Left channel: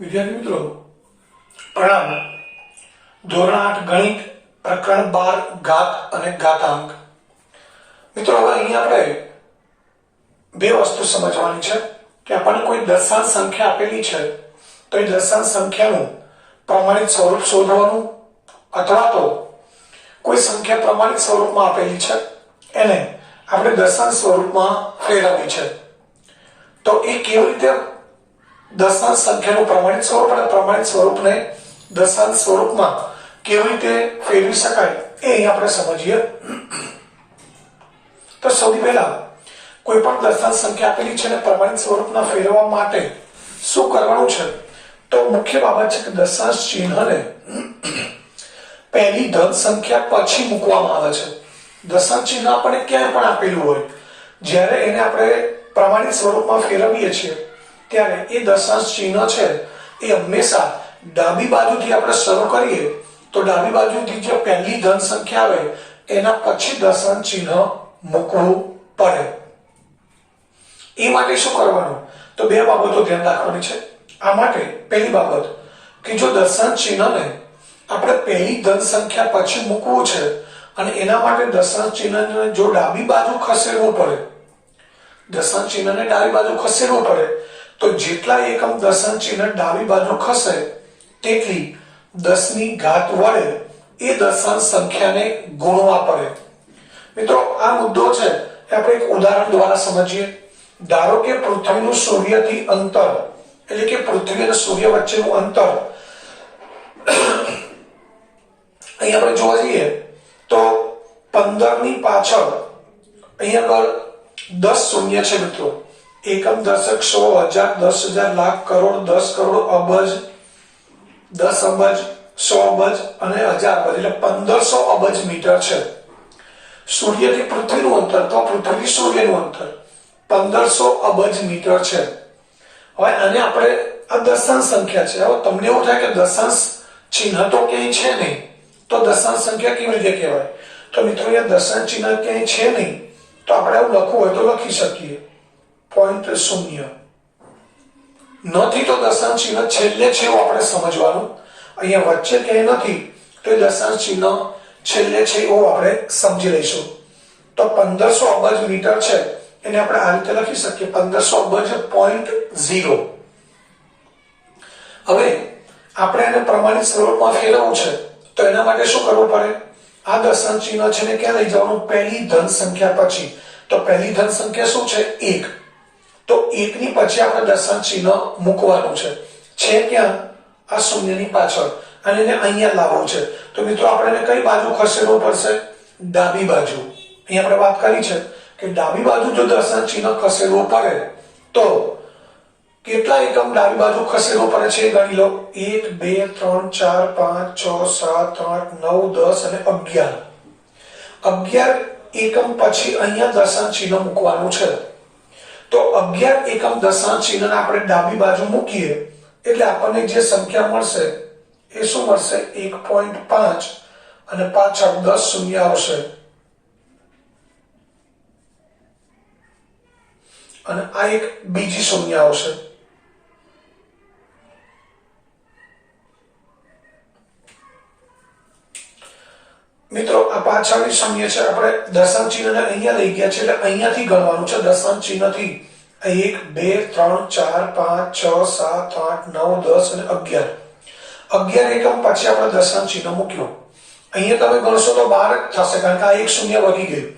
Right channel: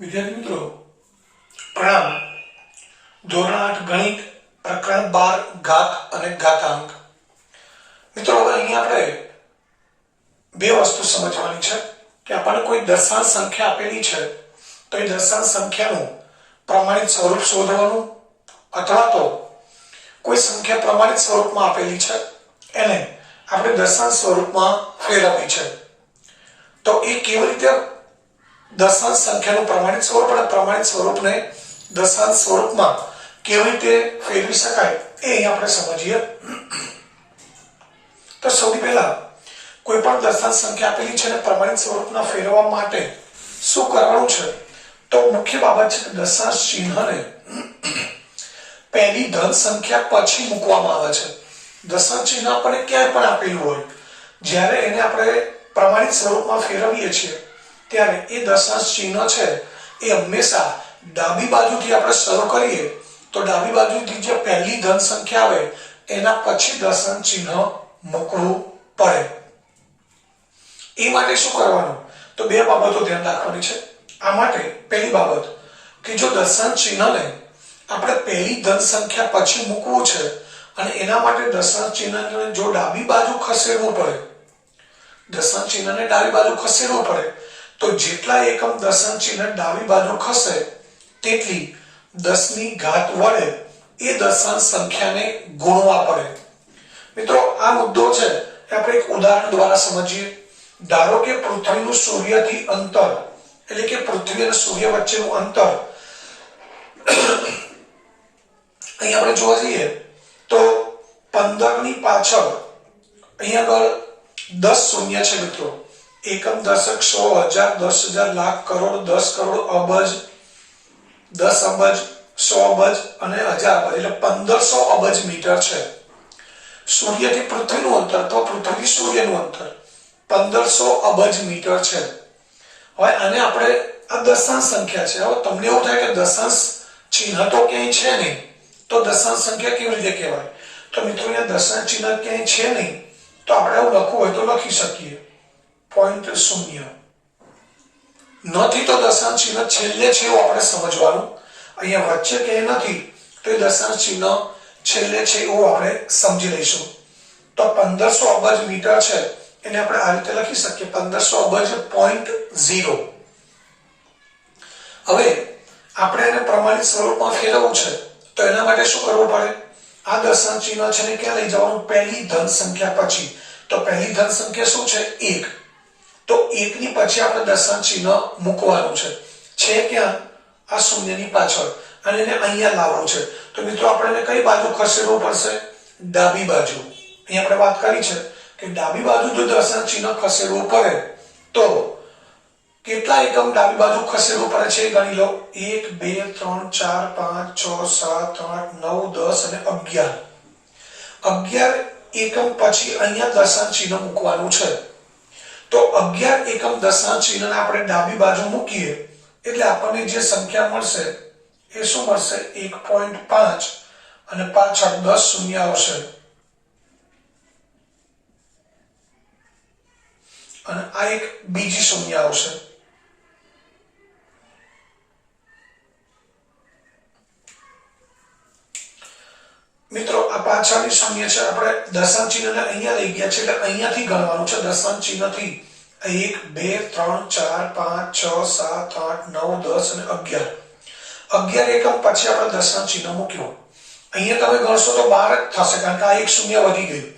વિદ્યાર્થી મિત્રો પ્રણામ। ધોરણ 8 ગણિત પ્રકરણ 12 ઘાત અને ઘાતાંક। મિત્રો હવે અહીં આપણે બે વસ્તુ સમજવાની છે કે આપણને કોઈ દશાંશ સંખ્યા આપેલી છે તો એ દશાંશ સંખ્યાનું પ્રમાણિત સ્વરૂપ શોધવાનું અથવા તો કોઈ સંખ્યા પ્રમાણિત સ્વરૂપમાં આપેલી છે એને આપણે દશાંશ સ્વરૂપમાં ફેરવવી છે તો એ કેવી રીતે દશાંશ સંખ્યાનું પ્રમાણિત સ્વરૂપ અને પ્રમાણિત સ્વરૂપને દશાંશ સ્વરૂપમાં કેવી રીતે ફેરવી શકાય એ અહીં આપણે સમજીએ। તો સૌથી પહેલા કોઈ પણ દશાંશ સંખ્યા આપેલી છે અને પ્રમાણિત સ્વરૂપમાં ફેરવવા માટે શું કરવાનું છે તો મુખ્ય બાબત છે કે દશાંશ ચિહ્નને પહેલી ધન સંખ્યા પછી મૂકવામાં આવે છે। દશાંશ ચિહ્ન આપણને ક્યાંય પણ આપેલું હોય જ્યારે એને આપણે પ્રમાણિત સ્વરૂપમાં ફેરવીએ છીએ ત્યારે એ દશાંશ ચિહ્ન છે એ હંમેશા ડાબી બાજુથી આપણે શરૂ કરીએ તો ડાબી બાજુથી જે પહેલી ધન સંખ્યા આવે એના પછી દશાંશ ચિહ્ન મૂકવું પડે। એ માટે શું કરવાનું તો બે બાબતો ધ્યાન રાખવાની છે। આ માટે પહેલી બાબત કે જો દશાંશ ચિહ્નને આપણે પહેલી ધન સંખ્યા પછી મૂકવું છે અને એના માટે દશાંશ ચિહ્નને જો ડાબી બાજુ ખસેડવું પડે દશાંશ ચિહ્નને ડાબી બાજુ ખસેડવું પડે તો જેટલા એકમ દશાંશ ચિહ્ન ડાબી બાજુ ખસે તેટલી 10 ની ઘાત વડે એ દશાંશ સંખ્યાને ગુણવા પડે। મિત્રો આ મુદ્દો છે એ આપણે એક ઉદાહરણ દ્વારા સમજીએ। ધારો કે પૃથ્વીનું સૂર્યથી અંતર એટલે કે પૃથ્વી અને સૂર્ય વચ્ચેનું અંતર અહીં આપણે જોવા જઈએ તો 15 ની પાછળ અહીંયા આગળ 10 શૂન્ય છે મિત્રો। એકમ દશક 100 હજાર 10,000 લાખ કરોડ 10 કરોડ અબજ 10 અબજ 100 અબજ અને 1000 અબજ એટલે 1500 અબજ મીટર છે। સૂર્યથી પૃથ્વીનું અંતર તો પૃથ્વીથી સૂર્યનું અંતર 1500 અબજ મીટર છે। હવે આને આપણે આ દશાંશ સંખ્યા છે। હવે તમને એવું થાય કે દશાંશ ચિહ્ન તો ક્યાંય છે નહીં તો દશાંશ સંખ્યા કેવી રીતે કહેવાય તો મિત્રો એ દશાંશ ચિહ્ન ક્યાંય છે નહીં તો આપણે એવું લખવું હોય તો લખી શકીએ 0.0 નથી તો દશાંશ ચિહ્ન છેલ્લે છે એવું આપણે સમજવાનું। અહીંયા વચ્ચે ક્યાંય નથી તો એ દશાંશ ચિહ્ન છેલ્લે છે એવું આપણે સમજી લઈશું। તો 1500 અબજ મીટર છે એને આપણે આ રીતે લખી શકીએ 1500 અબજ 0.0। હવે આપણે એને પ્રમાણિત સ્વરૂપમાં ફેરવવું છે તો એના માટે શું કરવું પડે આ દશાંશ ચિહ્ન છે ને ક્યાં લઈ જવાનું પહેલી ધન સંખ્યા પછી। તો પહેલી ધન સંખ્યા શું છે 1 તો 1 ની પછી આપણે દશાંશ ચિહ્ન મૂકવાનું છે ક્યાં આ શૂન્યની પાછળ અને એને અહીંયા લાવવું છે। તો મિત્રો આપણે એને કઈ બાજુ ખસેડવું પડશે ડાબી બાજુ। અહીં આપણે વાત કરી છે કે ડાબી બાજુ જો દશાંશ ચિહ્ન ખસેડવું પડે તો કેટલા એકમ ડાબી બાજુ ખસેડવું પડે છે એ ગણી લો 1 2 3 4 5 6 7 8 9 10 અને 11 એકમ પછી અહીંયા દશાંશ ચિહ્ન મૂકવાનું છે। તો 11 એકમ દશાંશ ચિહ્નને આપણે ડાબી બાજુ મૂકીએ એટલે આપણને જે સંખ્યા મળશે એ શું મળશે 1.5 અને પાછળ 10 શૂન્ય આવશે અને આ એક બીજી શૂન્ય આવશે। મિત્રો આ પાછળની શૂન્ય છે આપણે દશાંશ ચિહ્નને અહીંયા લઈ ગયા છે એટલે અહીંયાથી ગણવાનું છે દશાંશ ચિહ્નથી 1 2 3 4 5 6 7 8 9 10 અને 11 એકમ પછી આપણે દશાંશ ચિહ્ન મૂક્યું। અહીંયા તમે ગણશો તો 12 જ થશે કારણ કે આ એક શૂન્ય વધી ગયું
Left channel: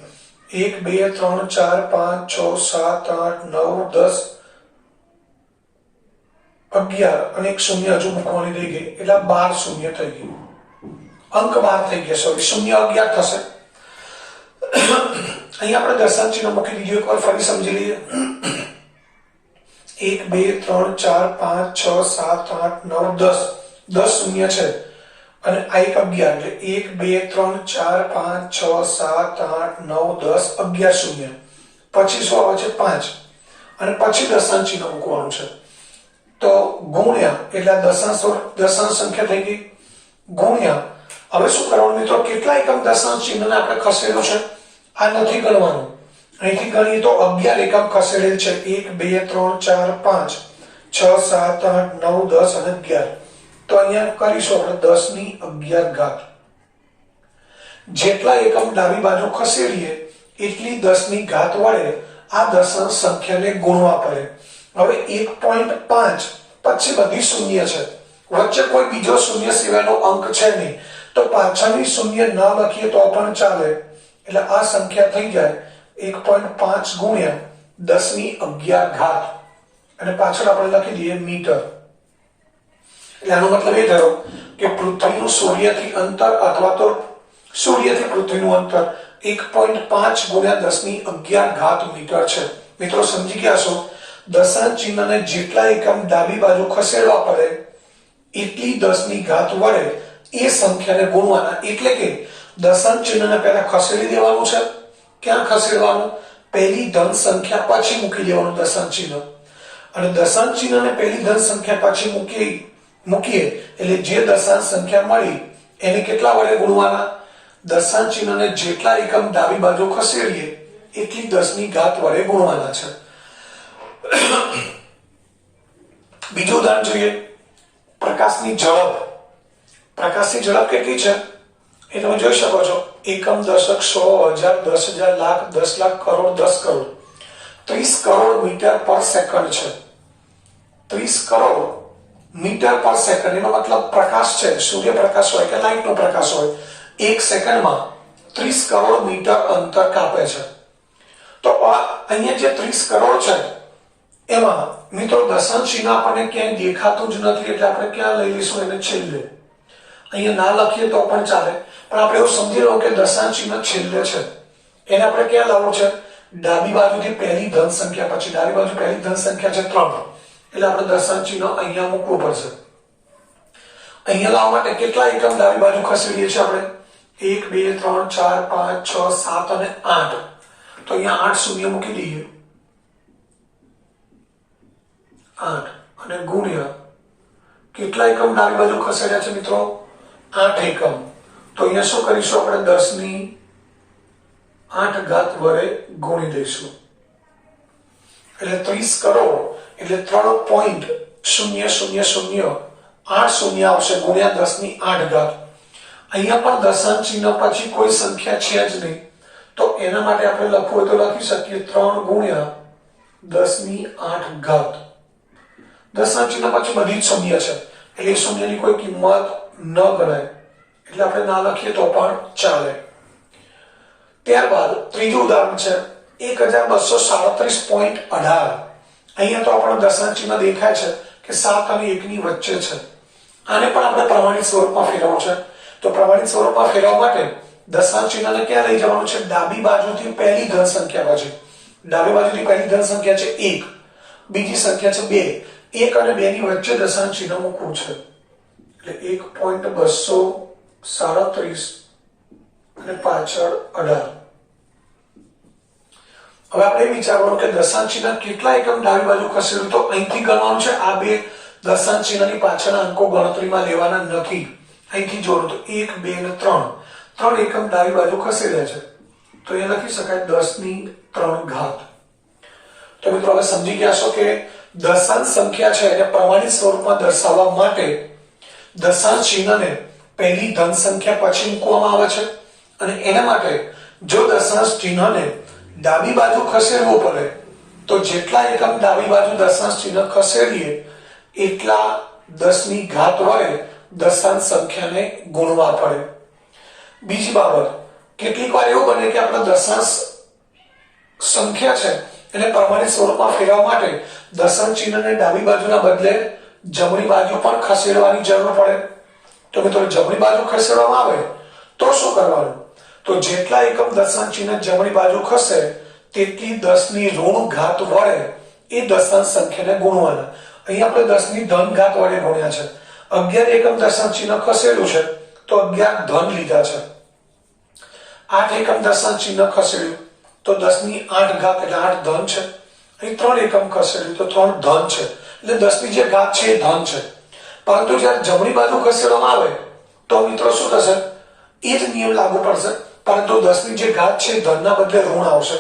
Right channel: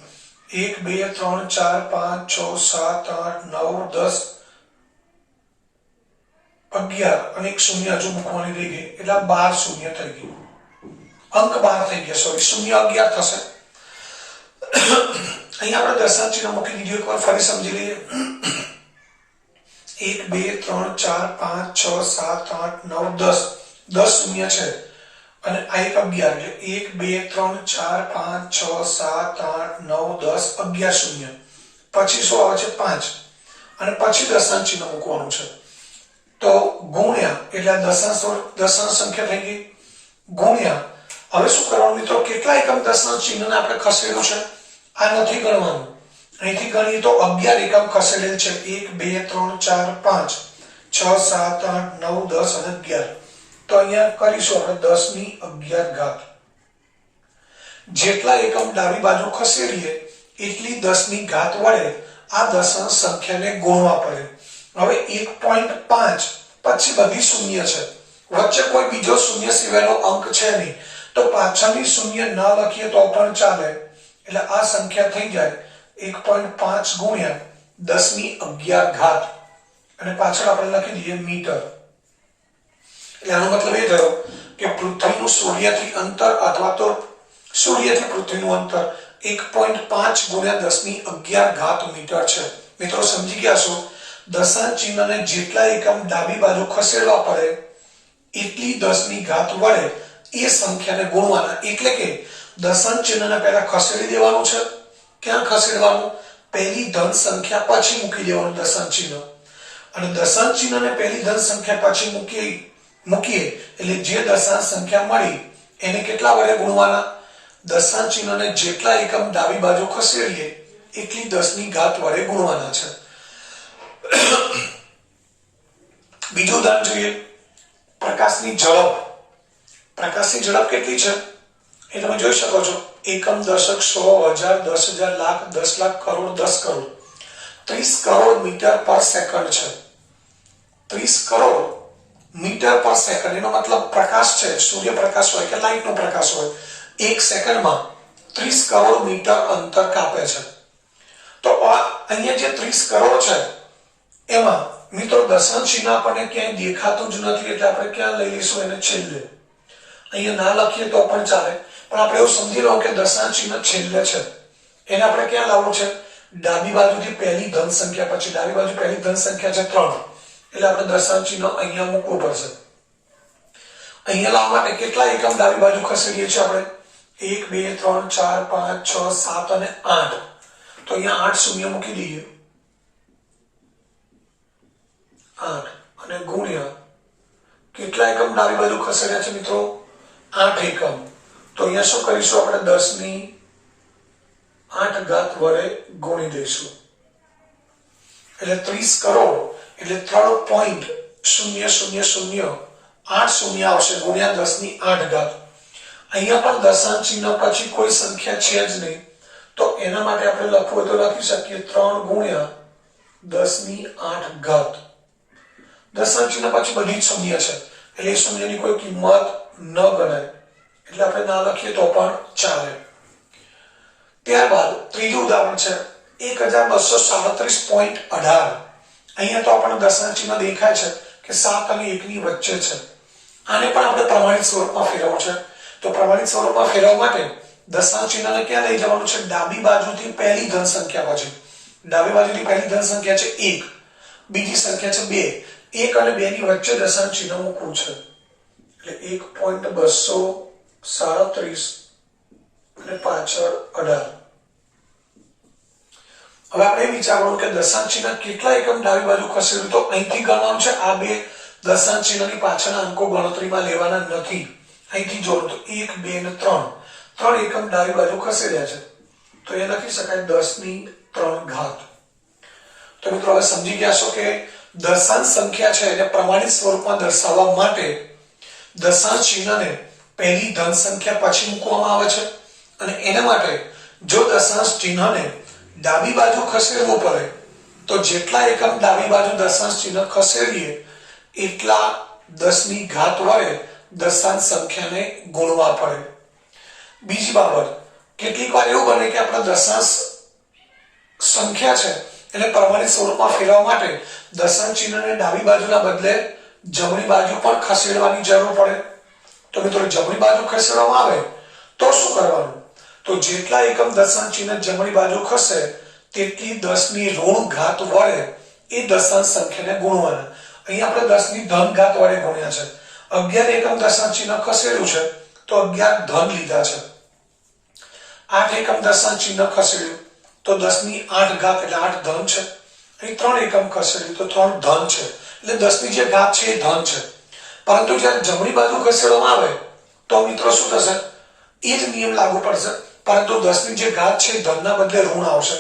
1 2 3 4 5 6 7 8 9 10 11 અને એક શૂન્ય હજુ મૂકવાની રહી ગઈ એટલે 12 શૂન્ય થઈ ગયું અંક 12 થઈ ગયા સોરી શૂન્ય 11 થશે। અહીંયા આપણે દશાંશ ચિહ્ન મૂકી દીધું એકવાર ફરી સમજી લઈએ 1 2 3 4 5 6 7 8 9 10 10 શૂન્ય છે અને આ એક 11 એટલે 1 2 3 4 5 6 7 8 9 10 11 શૂન્ય પછી શું આવે છે 5 અને પછી દશાંશ ચિહ્ન મૂકવાનું છે તો ગુણ્યા એટલે દશાંશ સંખ્યા થઈ ગઈ ગુણ્યા હવે શું કરવાનું મિત્રો કેટલા એકમ દશાંશ ચિહ્નને આપણે ખસેડવું છે આ નથી ગણવાનું અહીંથી ગણીએ તો 11 એકમ ખસેડેલ છે 1 2 3 4 5 6 7 8 9 10 અને 11. તો અહીંયા કરીશું આપણે 10 ની 11 ઘાત. જેટલા એકમ ડાબી બાજુ ખસેડીએ એટલી 10 ની ઘાત વડે આ દશાંશ સંખ્યાને ગુણવા પડે. હવે 1.5 પછી બધી શૂન્ય છે, વચ્ચે કોઈ બીજો શૂન્ય સિવાયનો અંક છે નહીં, તો પાછળની શૂન્ય ન લખીએ તો પણ ચાલે. એટલે આ સંખ્યા થઈ જાય 1.5 ગુણ્યા 10 ની 11 ઘાત અને પાછળ આપણે લખી દઈએ મીટર. એટલે આનો મતલબ એ થયો કે પૃથ્વીનું સૂર્યથી અંતર અથવા તો સૂર્યથી પૃથ્વીનું અંતર 1.5 ગુણ્યા 10 ની 11 ઘાત મીટર છે. મિત્રો સમજી ગયા છો? દશાંશ ચિહ્નને જેટલા એકમ ડાબી બાજુ ખસેડવા પડે એટલી 10 ની ઘાત વડે એ સંખ્યાને ગુણવાના. એટલે કે દશાંશ ચિહ્નને પહેલા ખસેડી દેવાનું છે. ક્યાં ખસેડવાનું? પહેલી ધન સંખ્યા પછી મૂકી દેવાનું દશાંશ ચિહ્ન. અને દશાંશ ચિહ્નને પહેલી ધન સંખ્યા પછી મૂકીએ એટલે જે દશાંશ સંખ્યા મળી એને કેટલા વડે ગુણવાના? દશાંશ ચિહ્નને જેટલા એકમ ડાબી બાજુ ખસેડીએ એટલી 10 ની ઘાત વડે ગુણવાના છે. બીજું ઉદાહરણ જોઈએ. પ્રકાશની ઝડપ. પ્રકાશની ઝડપ કેટલી છે એ તમે જોઈ શકો છો. એકમ, દશક, 100, 1000, 10,000, લાખ, 10 લાખ, કરોડ, 10 કરોડ. 30 કરોડ મીટર પર સેકન્ડ છે. 30 કરોડ મીટર પર સેકન્ડ એનો મતલબ પ્રકાશ છે, સૂર્યપ્રકાશ હોય કે લાઇટનો પ્રકાશ હોય, એક સેકન્ડમાં 30 કરોડ મીટર અંતર કાપે છે. તો અહીંયા જે 30 કરોડ છે એમાં મિત્રો દશાંશ ચિહ્ન આપણને ક્યાંય દેખાતું જ નથી, એટલે આપણે ક્યાં લઈ લઈશું એને? છેલ્લે. અહીંયા ના લખીએ તો પણ ચાલે, પણ આપણે એવું સમજી લો કે દશાંશ ચિહ્ન છેલ્લે છે. એને આપણે ક્યાં લાવવું છે? ડાબી બાજુથી પહેલી ધન સંખ્યા પછી. ડાબી બાજુ પહેલી ધન સંખ્યા છે 3, એટલે આપણે દશાંશ ચિહ્ન અહીંયા મૂકવું પડશે. અહીંયા લાવવા માટે કેટલા એકમ ડાબી બાજુ ખસેડીએ છીએ આપણે? 1 2 3 4 5 6 7 અને 8. તો અહીંયા 8 શૂન્ય મૂકી દઈએ. 8 અને ગુણ્યા કેટલા એકમ ડાબી બાજુ ખસેડ્યા છે મિત્રો? 8 એકમ. તો અહીંયા શું કરીશું આપણે? 10 ની 8 ઘાત વડે ગુણી દઈશું. એટલે 30 કરોડ એટલે 3.000 8 શૂન્ય આવશે ગુણ્યા 10 ની 8 ઘાત. અહીંયા પણ દશાંશ ચિહ્ન પછી કોઈ સંખ્યા છે જ નહીં, તો એના માટે આપણે લખવું હોય તો લખી શકીએ 3 ગુણ્યા 10 ની 8 ઘાત. દશાંશ ચિહ્ન પછી બધી જ શૂન્ય છે, એટલે શૂન્યની કોઈ કિંમત ન ગણાય, એટલે આપણે ના લખીએ તો પણ ચાલે. ત્યારબાદ ત્રીજું ઉદાહરણ છે 1237.18. અહીંયા તો આપણને દશાંશ ચિહ્ન દેખાય છે કે 7 અને 1 ની વચ્ચે છે. આને પણ આપણે પ્રમાણિત સ્વરૂપમાં ફેરવવું છે. તો પ્રમાણિત સ્વરૂપમાં ફેરવવા માટે દશાંશ ચિહ્નને ક્યાં લઈ જવાનું છે? ડાબી બાજુથી પહેલી ધન સંખ્યા પછી. ડાબી બાજુથી પહેલી ધન સંખ્યા છે 1, બીજી સંખ્યા છે 2. 1 અને 2 ની વચ્ચે દશાંશ ચિહ્ન મૂકવું છે. એટલે 1.237 અને પાછળ 18. હવે આપણે વિચારવાનું કે દશાંશ ચિહ્ન કેટલા એકમ ડાબી બાજુ ખસેડ્યું? તો અહીંથી ગણવાનું છે. આ બે દશાંશ ચિહ્નની પાછળના અંકો ગણતરીમાં લેવાના નથી. અહીંથી જોડો તો 1 2 અને 3 એકમ ડાબી બાજુ ખસેડ્યા છે, તો એ લખી શકાય 10 ની 3 ઘાત. તો મિત્રો હવે સમજી ગયા છો કે દશાંશ સંખ્યા છે એને પ્રમાણિત સ્વરૂપમાં દર્શાવવા માટે દશાંશ ચિહ્નને પહેલી ધન સંખ્યા પછી મૂકવામાં આવે છે, અને એના માટે જો દશાંશ ચિહ્નને ડાબી બાજુ ખસેડવું પડે તો જેટલા એકમ ડાબી બાજુ દશાંશ ચિહ્ન ખસેડીએ એટલા 10 ની ઘાત વડે દશાંશ સંખ્યાને ગુણવા પડે. બીજી બાબત, કેટલીક વાર એવું બને કે આપણે દશાંશ સંખ્યા છે એને પ્રમાણિત સ્વરૂપમાં ફેરવવા માટે દશાંશ ચિહ્નને ડાબી બાજુના બદલે જમણી બાજુ પણ ખસેડવાની જરૂર પડે. તો મિત્રો જમણી બાજુ ખસેડવામાં આવે તો શું કરવાનું? તો જેટલા એકમ દશાંશ ચિહ્ન જમણી બાજુ ખસે તેટલી 10 ની ઋણ ઘાત વડે એ દશાંશ સંખ્યાને ગુણવાના. અહીં આપણે 10 ની ધન ઘાત વડે ગુણ્યા છે. 11 એકમ દશાંશ ચિહ્ન ખસેડ્યું છે તો 11 ધન લીધા છે. 8 એકમ દશાંશ ચિહ્ન ખસેડ્યું તો 10 ની 8 ઘાત એટલે 8 ધન છે. અહીં 3 એકમ ખસેડ્યું તો 3 ધન છે. એટલે 10 ની જે ઘાત છે એ ધન છે. પરંતુ જ્યારે જમણી બાજુ ખસેડવામાં આવે તો મિત્રો શું થશે? એ જ નિયમ લાગુ પડશે, પરંતુ 10 ની જે ઘાત છે ધનના બદલે ઋણ આવશે.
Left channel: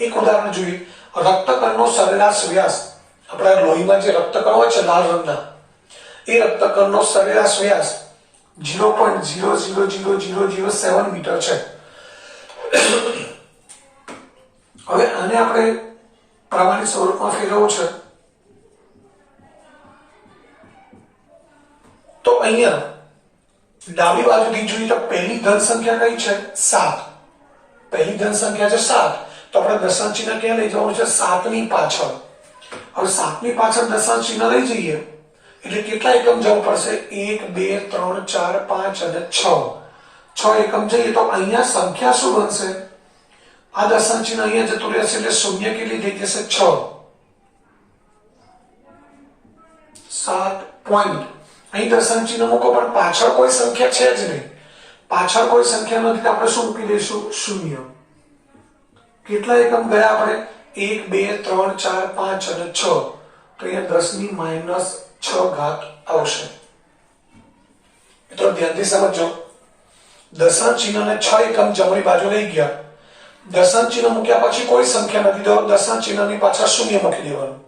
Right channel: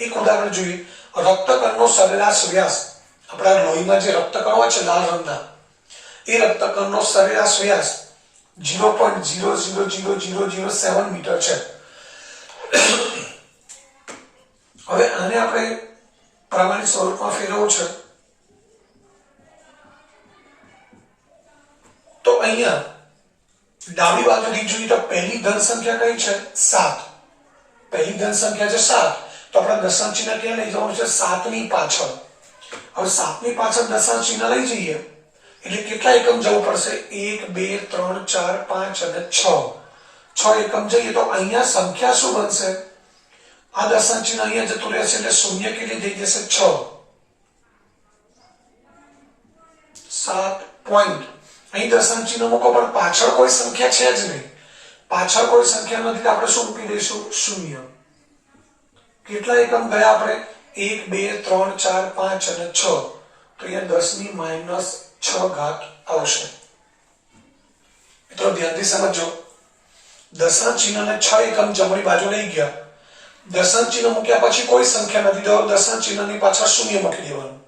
એક ઉદાહરણ જોઈએ. રક્તકણનો સરેરાશ વ્યાસ આપણા લોહીમાં જે રક્તકણ હોય છે લાલ રંગના, એ રક્તકણનો સરેરાશ વ્યાસ 0.000007 મીટર છે. હવે આને આપણે પ્રમાણિત સ્વરૂપમાં ફેરવવું છે તો અહીંયા ડાબી બાજુથી જોઈએ તો પહેલી ધન સંખ્યા કઈ છે? 7. પહેલી ધન સંખ્યા છે 7, તો આપણે દશાંશ ચિહ્ન ક્યાં લઈ જવાનું છે? 7 ની પાછળ. હવે 7 ની પાછળ દશાંશ ચિહ્ન લઈ જઈએ એટલે કેટલા એકમ જવું પડશે? 1 2 3 4 5 અને 6 એકમ જઈએ તો અહીંયા સંખ્યા શું બનશે? આ દશાંશ ચિહ્ન અહીંયા જતું રહેશે એટલે શૂન્ય કેટલી થઈ જશે? 6. 7 પોઈન્ટ. અહીં દશાંશ ચિહ્ન મૂકો પણ પાછળ કોઈ સંખ્યા છે જ નહીં. પાછળ કોઈ સંખ્યા નથી તો આપણે શું મૂકી દઈશું? શૂન્ય. કેટલા એકમ ગયા આપણે? 1 2 3 4 5 અને 6, તો અહીંયા 10 ની -6 ઘાત આવશે. મિત્રો ધ્યાનથી સમજો. દશાંશ ચિહ્નને 6 એકમ જમણી બાજુ લઈ ગયા. દશાંશ ચિહ્ન મૂક્યા પછી કોઈ સંખ્યા નથી તો દશાંશ ચિહ્નની પાછળ શૂન્ય મૂકી દેવાનું.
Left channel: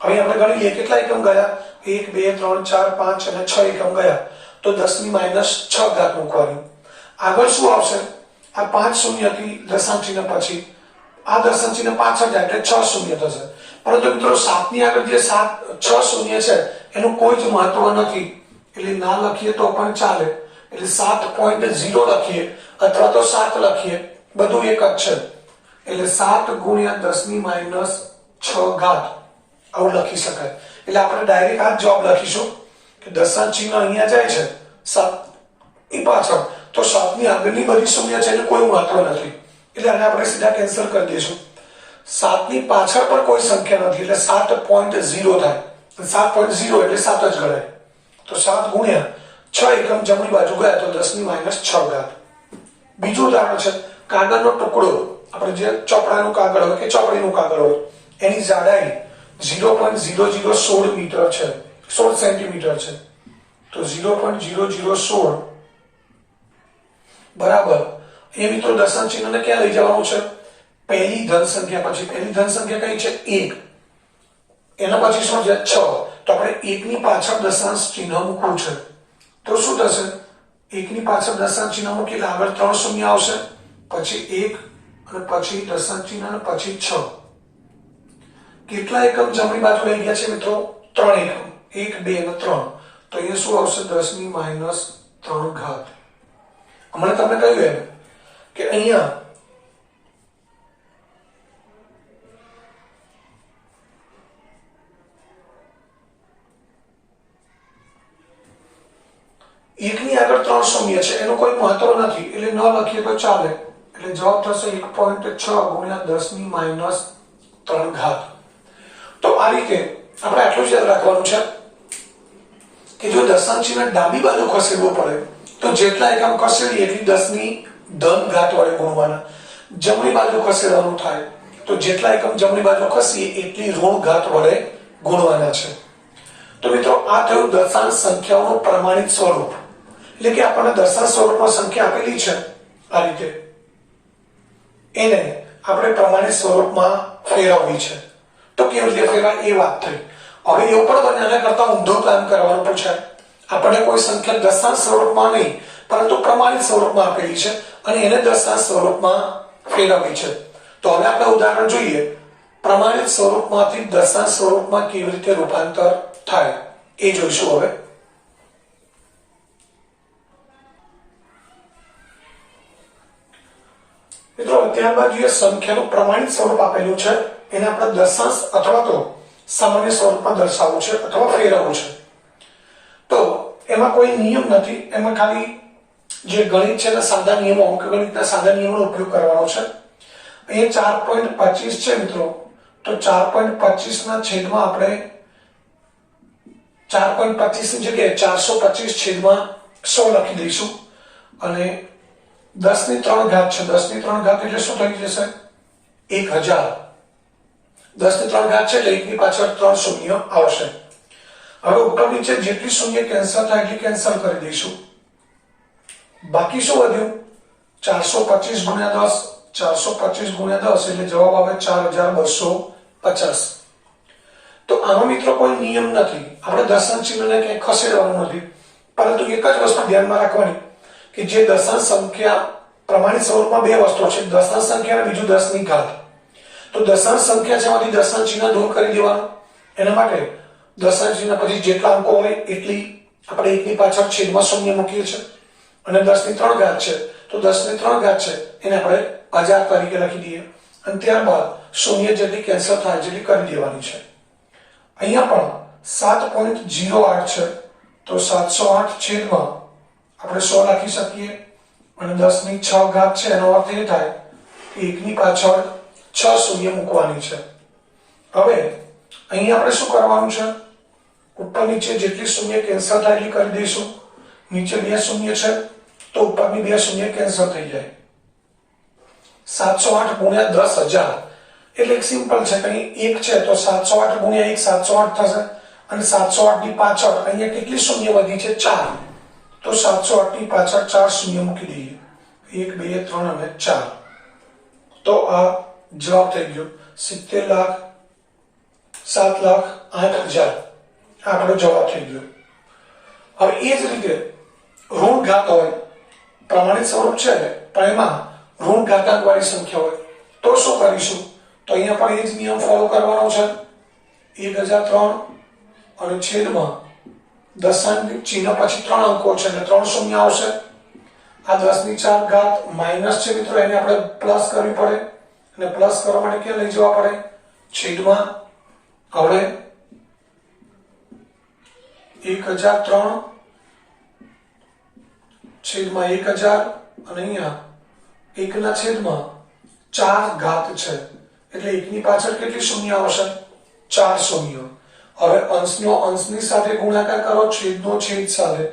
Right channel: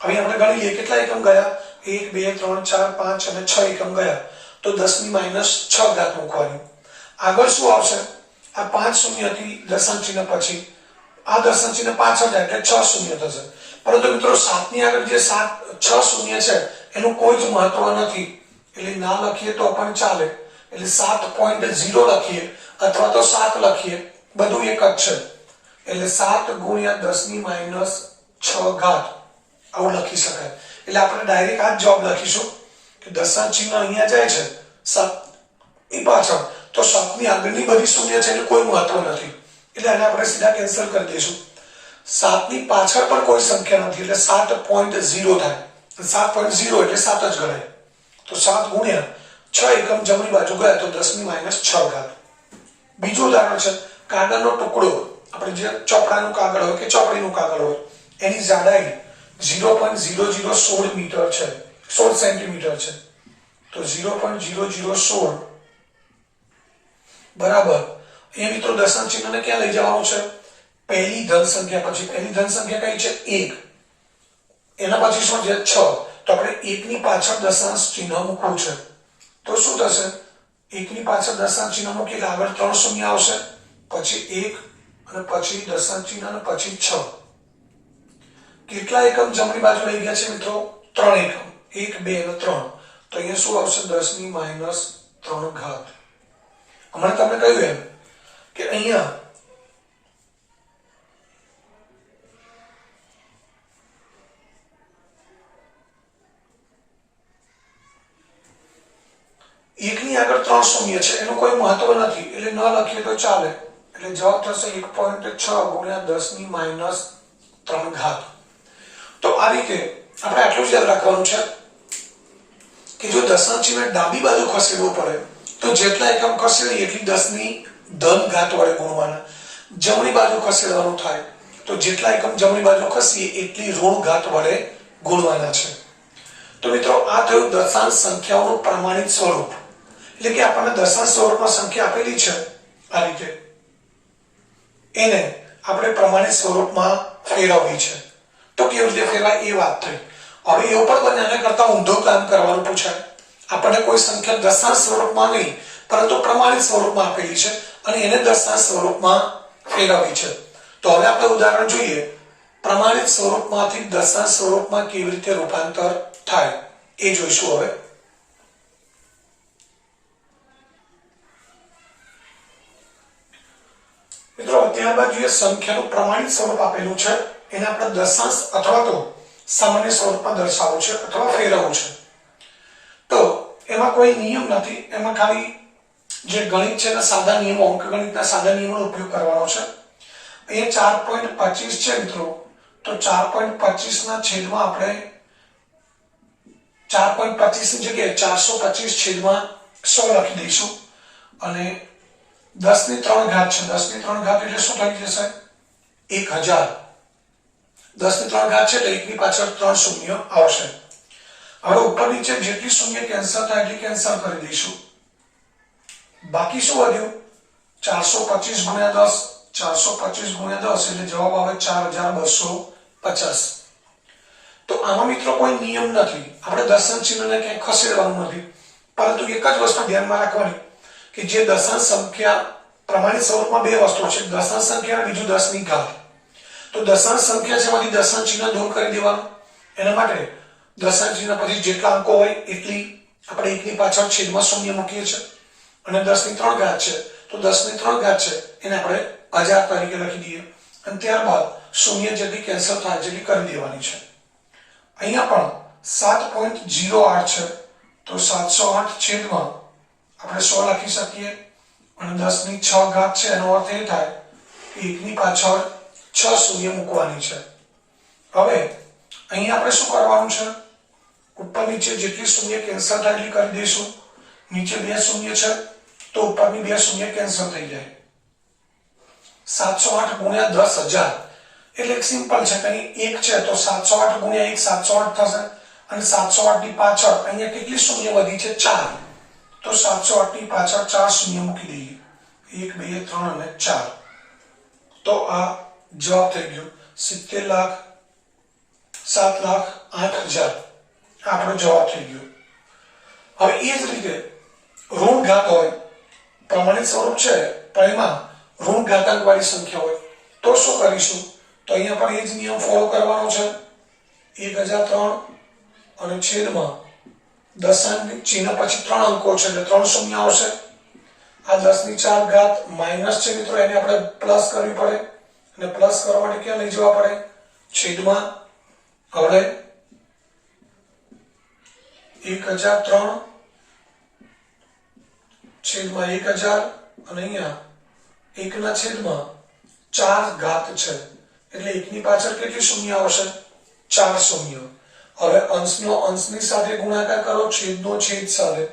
હવે આપણે ગણી લઈએ કેટલા એકમ ગયા? 1 2 3 4 5 અને 6 એકમ ગયા, તો 10 ની -6 ઘાત મૂકવાની. આગળ શું આવશે? આ 5 શૂન્યથી દશાંશ ચિહ્ન પછી આ દશાંશ ચિહ્ન પાછળ જાય એટલે 6 શૂન્ય થશે. પરંતુ મિત્રો 7 ની આગળ જે 6 શૂન્ય છે એનું કોઈ જ મહત્વ નથી, એટલે ના લખીએ તો પણ ચાલે. એટલે 7.0 લખીએ અથવા તો 7 લખીએ, બધું એક જ છે. એટલે 7 ગુણ્યા 10 ની -6 ઘાત આવું લખી શકાય. એટલે આપણે ડાયરેક્ટ આ જ જવાબ લખીશું કે દશાંશ ચિહ્ન અહીંયા જાય છે 7 ની પાછળ, તો 7 ની આગળની બધી શૂન્ય છે એનું કોઈ મહત્વ નથી, એટલે આને આપણે સીધા કેન્સલ કરી દઈશું. 7 ની પાછળ પણ કોઈ સંખ્યા નથી એટલે 7.0 થાય. 7.0 એટલે 7 જ ગણાય. તો 7 ગુણ્યા 6 એકમ જમણી બાજુ ગયા તો 10 ની -6 ઘાત. બીજું ઉદાહરણ છે કાગળનો ટુકડો. આપણે જે ચોપડાનું કાગળ હોય કે ચોપડીનું કાગળ હોય એની જાડાઈ 0.0016 મીટર છે, 16 સેન્ટીમીટર છે. તો 0.0016 બરાબર એ મિત્રો દશાંશ ચિહ્નને ક્યાં લઈ જવાનું છે? પહેલી ધન સંખ્યા પછી. પહેલી ધન સંખ્યા કઈ છે? 1. એના પછી શું છે? 6. તો આપણે 1 ની પાછળ દશાંશ ચિહ્ન મૂકવું છે. તો શું થશે? 1 ની પાછળ દશાંશ ચિહ્ન મૂકી એટલે આગળ 3 શૂન્ય આવશે, પછી 1 અને પછી દશાંશ ચિહ્ન અને પછી 6. કેટલા એકમ જમણી બાજુ લઈ ગયા છે મિત્રો? 3 એકમ. 1 2 અને 3. તો અહીંયા શું આવશે? 10 ની -3 ઘાત. હમણાં તમને કહ્યું એમ કે અહીંયા એકની આગળ 3 શૂન્ય છે એનું કોઈ મહત્વ નથી એટલે ન લખીએ તો ચાલે. એટલે જવાબ થશે 1.6 ગુણ્યા 10 ની -3 ઘાત. તો આ રીતે આપણે આટલું જ યાદ રાખવાનું છે કે જો દશાંશ ચિહ્ન ડાબી બાજુ ખસેડવું પડે તો જેટલા એકમ ખસેડીએ એટલી 10 ની ધન ઘાત વડે ગુણવાના. જમણી બાજુ ખસેડવાનું થાય તો જેટલા એકમ જમણી બાજુ ખસીએ એટલી ઋણ ઘાત વડે ગુણવાના છે. તો મિત્રો આ થયું દશાંશ સંખ્યાઓનું પ્રમાણિત સ્વરૂપ. એટલે કે આપણને દશાંશ સ્વરૂપમાં સંખ્યા આપેલી છે આ રીતે, એને આપણે પ્રમાણિત સ્વરૂપમાં ફેરવવી છે. તો કેવી રીતે ફેરવાય એ વાત થઈ. હવે એવું પણ બને એના કરતા ઊંધું કામ કરવાનું પૂછાય. આપણને કોઈ સંખ્યા દશાંશ સ્વરૂપમાં નહીં પરંતુ પ્રમાણિત સ્વરૂપમાં આપેલી છે અને એને દશાંશ સ્વરૂપમાં ફેરવવી છે. તો હવે આપણે ઉદાહરણ જોઈએ. પ્રમાણિત સ્વરૂપમાંથી દશાંશ સ્વરૂપમાં કેવી રીતે રૂપાંતર થાય એ જોઈશું. હવે મિત્રો ત્યારબાદ જોઈએ સંખ્યાનું પ્રમાણિત સ્વરૂપ આપેલું છે, એને આપણે દશાંશ અથવા તો સામાન્ય સ્વરૂપમાં દર્શાવવું છે અથવા ફેરવવું છે. તો એમાં કોઈ નિયમ નથી, એમાં ખાલી જે ગણિત છે એના સાદા નિયમો, અંકગણિતના સાદા નિયમોનો ઉપયોગ કરવાનો છે. અહીંયા 4.25 છે મિત્રો, તો 4.25 ના છેદમાં આપણે 4.25 ની જગ્યાએ 425 છેદમાં 100 લખી દઈશું અને 10 ની 3 ઘાત છે. 10 ની 3 ઘાત એટલે શું થઈ જશે? 1000. 10 ની 3 ઘાત છે એટલે 1 ની પાછળ 3 શૂન્ય આવશે. હવે ઉપર નીચે જેટલી શૂન્ય કેન્સલ થાય એટલી કેન્સલ કરી દઈશું. બાકી શું વધ્યું? 425 ગુણ્યા 10. 425 ગુણ્યા 10 એટલે જવાબ આવે 4250. તો આમાં મિત્રો કોઈ નિયમ નથી, આપણે દશાંશ ચિહ્નને ક્યાંય ખસેડવાનું નથી, પરંતુ એક જ વસ્તુ ધ્યાનમાં રાખવાની કે જે દશાંશ સંખ્યા પ્રમાણિત સ્વરૂપમાં બે વસ્તુ છે, દશાંશ સંખ્યા અને બીજું 10 ની ઘાત. તો દશાંશ સંખ્યા છે એમાંથી દશાંશ ચિહ્ન દૂર કરી દેવાનું. એના માટે દશાંશ ચિહ્ન પછી જેટલા અંકો હોય એટલી આપણે એકની પાછળ છેદમાં શૂન્ય મૂકીએ છીએ, અને 10 ની 3 ઘાત છે તો 10 ની 3 ઘાત છે એને આપણે 1000 તરીકે લખી દઈએ, અને ત્યારબાદ શૂન્ય જેટલી કેન્સલ થાય જેટલી કરી દેવાની છે. અહીંયા પણ 7.08 છે તો 708 છેદમાં આપણે 100 લખી શકીએ, અને 10 ની 6 ઘાત છે એનો અર્થ એ થાય કે એકની પાછળ 6 શૂન્ય મૂકવાની છે. હવે અહીંયા આપણે શું કરવાનું છે, ઉપર નીચે જેટલી શૂન્ય કેન્સલ થાય એટલી કરી દઈશું. નીચે 2 શૂન્ય છે તો ઉપરની 2 શૂન્ય કેન્સલ થઈ જાય. 708 ગુણ્યા 10,000 એટલે એક સિમ્પલ છે, કઈ 1 છે તો 708 ગુણ્યા 1 708 થશે, અને 708 ની પાછળ અહીંયા કેટલી શૂન્ય વધી છે 4, તો 708 ની પાછળ 4 શૂન્ય મૂકી દઈએ, 1 2 3 અને 4. તો આ જવાબ થઈ ગયો 70,00,000 7,08,000 આપણો જવાબ થઈ ગયો. હવે એ જ રીતે ઋણ ઘાત હોય, પ્રમાણિત સ્વરૂપ છે પણ એમાં ઋણ ઘાતાંક વાળી સંખ્યા હોય તો શું કરીશું, તો અહીંયા પણ એ જ નિયમ ફોલો કરવાનો છે. 1003 અને છેદમાં દશાંશ ચિહ્ન પછી 3 અંકો છે એટલે 3 શૂન્ય આવશે. આ 10 ની 4 ઘાત માઇનસ છે મિત્રો, એને આપણે પ્લસ કરવી પડે, અને પ્લસ કરવા માટે ક્યાં લઈ જવા પડે, છેદમાં. હવે 1003 છેદમાં 1000, અને અહીંયા 1 ના છેદમાં 4 ઘાત છે એટલે 1 ની પાછળ કેટલી શૂન્ય આવશે, 4 શૂન્ય. હવે અંશનો અંશની સાથે ગુણાકાર કરો, છેદનો છેદ સાથે.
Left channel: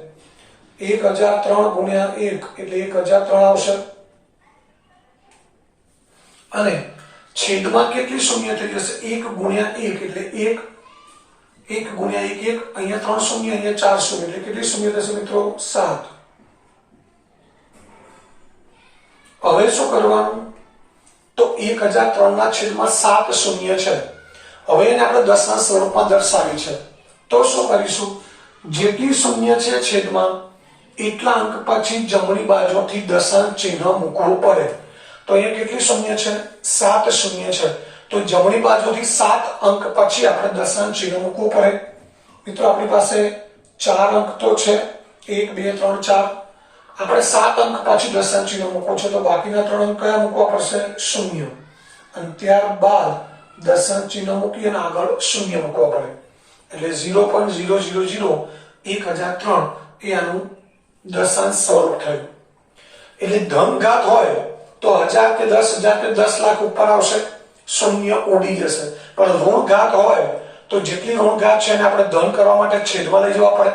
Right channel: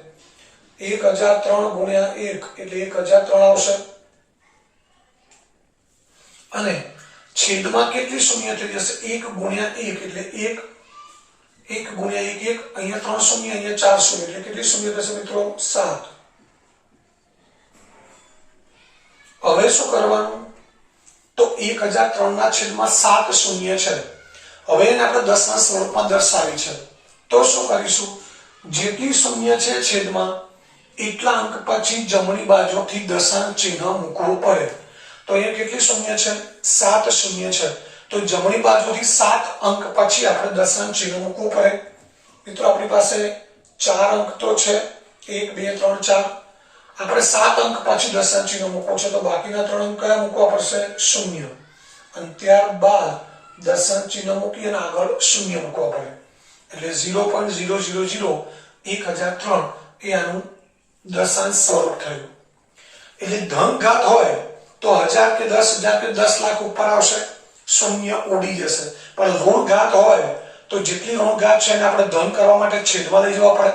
1003 ગુણ્યા 1 એટલે 1003 આવશે, અને છેદમાં કેટલી શૂન્ય થઈ જશે, 1 ગુણ્યા 1 એટલે 1 ગુણ્યા 1 1, અહીંયા 3 શૂન્ય અહીંયા 4 શૂન્ય એટલે કેટલી શૂન્ય થશે મિત્રો, 7. હવે શું કરવાનું, તો 1003 ના છેદમાં 7 શૂન્ય છે. હવે એને આપણે દશાંશ સ્વરૂપમાં દર્શાવી છે તો શું કરીશું, જેટલી શૂન્ય છે છેદમાં એટલા અંક પછી જમણી બાજુથી દશાંશ ચિહ્ન મૂકવું પડે. તો અહીંયા કેટલી શૂન્ય છે, 7 શૂન્ય છે, તો જમણી બાજુથી 7 અંક પછી આપણે દશાંશ ચિહ્ન મૂકવું પડે. મિત્રો આપણી પાસે 4 અંક તો છે, 1 2 3 4, આપણે 7 અંક પછી દશાંશ ચિહ્ન મૂકવું છે તો બાકીના 3 અંક કયા મૂકવા પડશે, શૂન્ય, અને ત્યારબાદ દશાંશ ચિહ્ન મૂકી અને આગળ શૂન્ય મૂકવા પડે, એટલે 0.000 1003 એ આનું દશાંશ સ્વરૂપ થયું. એટલે ધન ઘાત હોય તો 1000 કે 10,000 કે 10 લાખ ઉપર આવશે, શૂન્ય ઉડી જશે. પણ ઋણ ઘાત હોય તો જેટલી ઋણ ઘાત છે એને આપણે ધન કરવા માટે છેદમાં લઈ જવા પડે,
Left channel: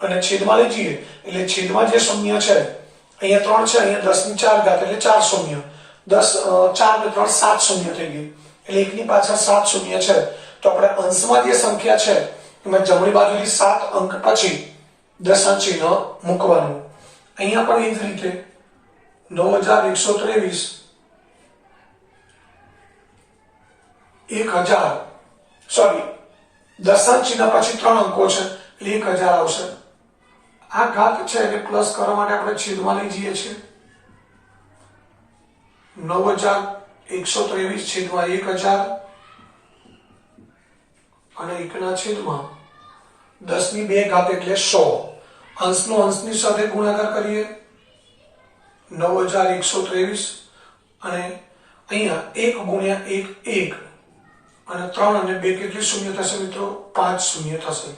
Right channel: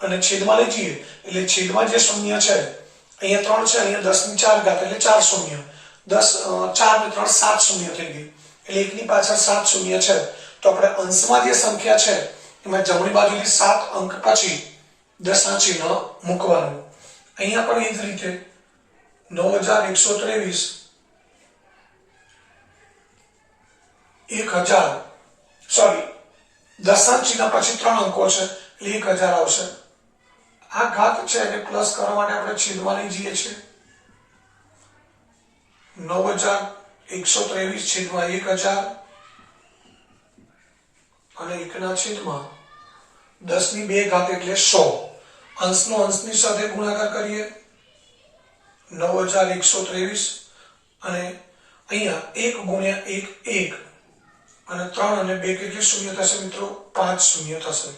અને છેદમાં લઈ જઈએ એટલે છેદમાં જે શૂન્ય છે અહીંયા 3 છે, અહીંયા 10 ની 4 ઘાત એટલે 4 શૂન્ય, 10 4 ને 3 7 શૂન્ય થઈ ગઈ, એટલે 1 ની પાછળ 7 શૂન્ય છે. તો આપણે અંશમાં જે સંખ્યા છે એમાં જમણી બાજુથી 7 અંક પછી દશાંશ ચિહ્ન મૂકવાનું. અહીંયા પણ એ જ રીતે 9123 1000 સોરી દશાંશ ચિહ્ન પછી 3 અંકો છે એટલે 1000 આવશે. આ ઘાત છે એને પ્લસ કરવા માટે આપણે છેદમાં લઈ જઈએ છીએ, 9123 છેદમાં 1000, અને 1 ના છેદમાં 10 ની 2 ઘાત એટલે 100. અંશનો અંશની સાથે ગુણાકાર કરીએ, 9123, અને અહીંયા 1 ગુણ્યા 1 1, અને 3 અને 2 કેટલી શૂન્ય થશે મિત્રો, 5 શૂન્ય થશે.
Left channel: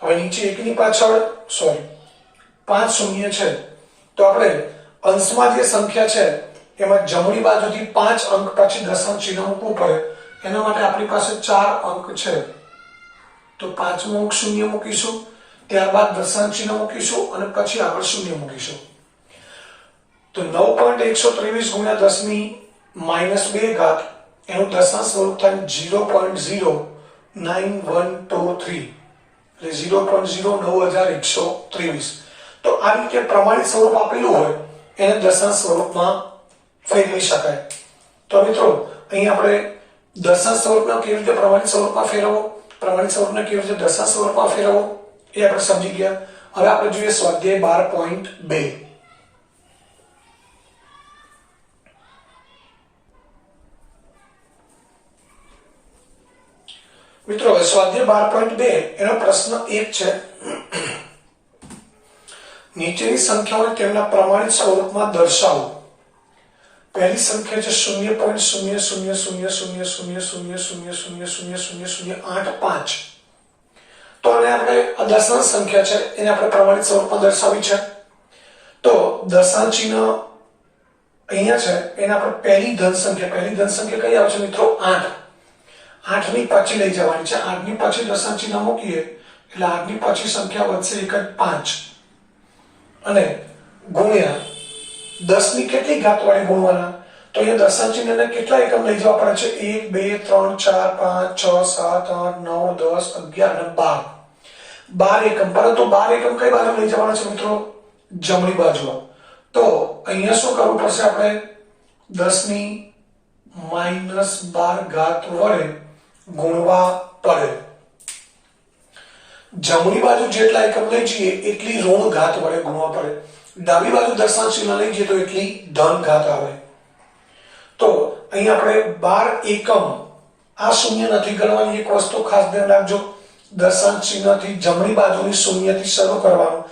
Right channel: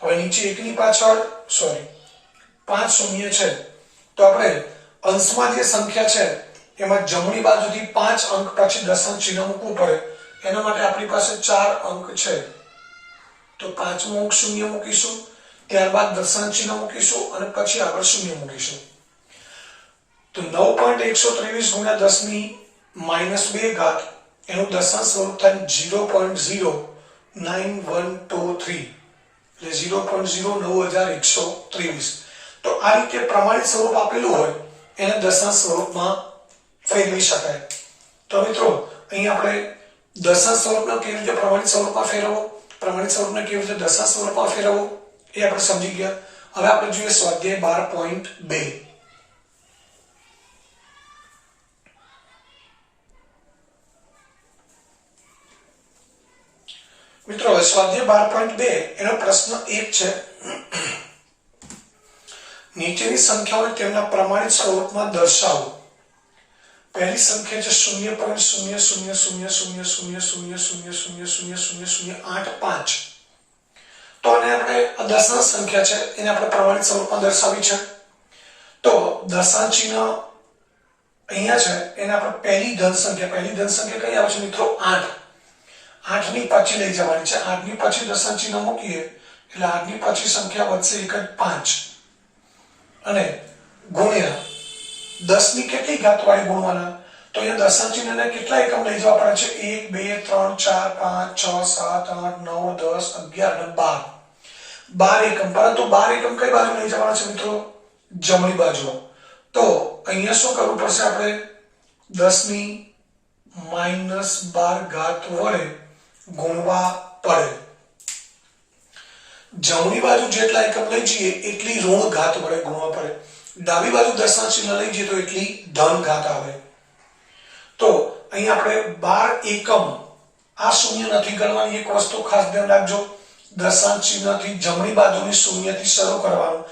હવે નીચે 1 ની પાછળ 5 શૂન્ય છે તો આપણે અંશમાં જે સંખ્યા છે એમાં જમણી બાજુથી 5 અંક પછી દશાંશ ચિહ્ન મૂકવું પડે. એના માટે આપણી પાસે 4 અંક છે તો 5મો અંક શૂન્ય મૂકીશું, ત્યારબાદ દશાંશ ચિહ્ન મૂકીશું, અને પછી આગળ શૂન્ય મૂકીશું. તો 9.123 ગુણ્યા 10 ની -2 ઘાત એનું દશાંશ સ્વરૂપ થાય 0.09123, એટલે 0.09123. તો આ રીતે પ્રમાણિત સ્વરૂપ આપેલું હોય એને દશાંશ સ્વરૂપમાં ફેરવી શકાય. તો મિત્રો અહીં આપણે દશાંશ સ્વરૂપને કેવી રીતે પ્રમાણિત સ્વરૂપમાં ફેરવવો, પ્રમાણિત સ્વરૂપને કેવી રીતે દશાંશ સ્વરૂપમાં ફેરવવો એ આપણે સમજી ગયા. હવે આપણે જોઈએ સ્વાધ્યાય 12.2. મિત્રો સ્વાધ્યાય 12.2 એનો પ્રશ્ન 1 છે. નીચેની સંખ્યાઓને તેમના પ્રમાણિત સ્વરૂપમાં દર્શાવો. પહેલી સંખ્યા છે 0.000000000000085. તો આને આપણે દશાંશ સંખ્યા છે એને આપણે પ્રમાણિત સ્વરૂપમાં દર્શાવી છે. તો દશાંશ ચિહ્ન અહીંયા છે એને આપણે પહેલી ધન સંખ્યા કઈ આવે છે મિત્રો 8. 8 ની પાછી લઈ જવાની છે. 8 ની પાછી દશાંશ ચિહ્ન મૂકીએ એટલે 8 ની પાછી સંખ્યા વધશે 5 અને ગુણ્યા 10 ની કેટલી ઘાત વાળી ગુણવાના. તો અહીંયા દશાંશ ચિહ્નને કેટલા એકમ લઈ જવા પડે છે 1 2 3 4 5 6 7 8 9 10 11 અને 12 એકમ. પરંતુ 12 એકમ કઈ બાજુ લઈ જવાના છે મિત્રો? જમણી બાજુ. તો અહીંયા શું કરવું પડશે આપણે 10 ની -12 ઘાત વડે ગુણવા પડે. જમણી બાજુ જેટલા એકમ લઈ જઈએ એટલી ઋણ ઘાત વડે ગુણવા પડે. ડાબી બાજુ દશાંશ ચિહ્ન લઈ જઈએ તો એટલી ધન ઘાત આવે. તો અહીં આપણે 12 એકમ આ શૂન્ય નથી ગણવાની. એક વસ્તુ ખાસ ધ્યાન રાખજો, દશાંશ ચિહ્નથી જમણી બાજુની શૂન્યથી શરૂ કરવાનું.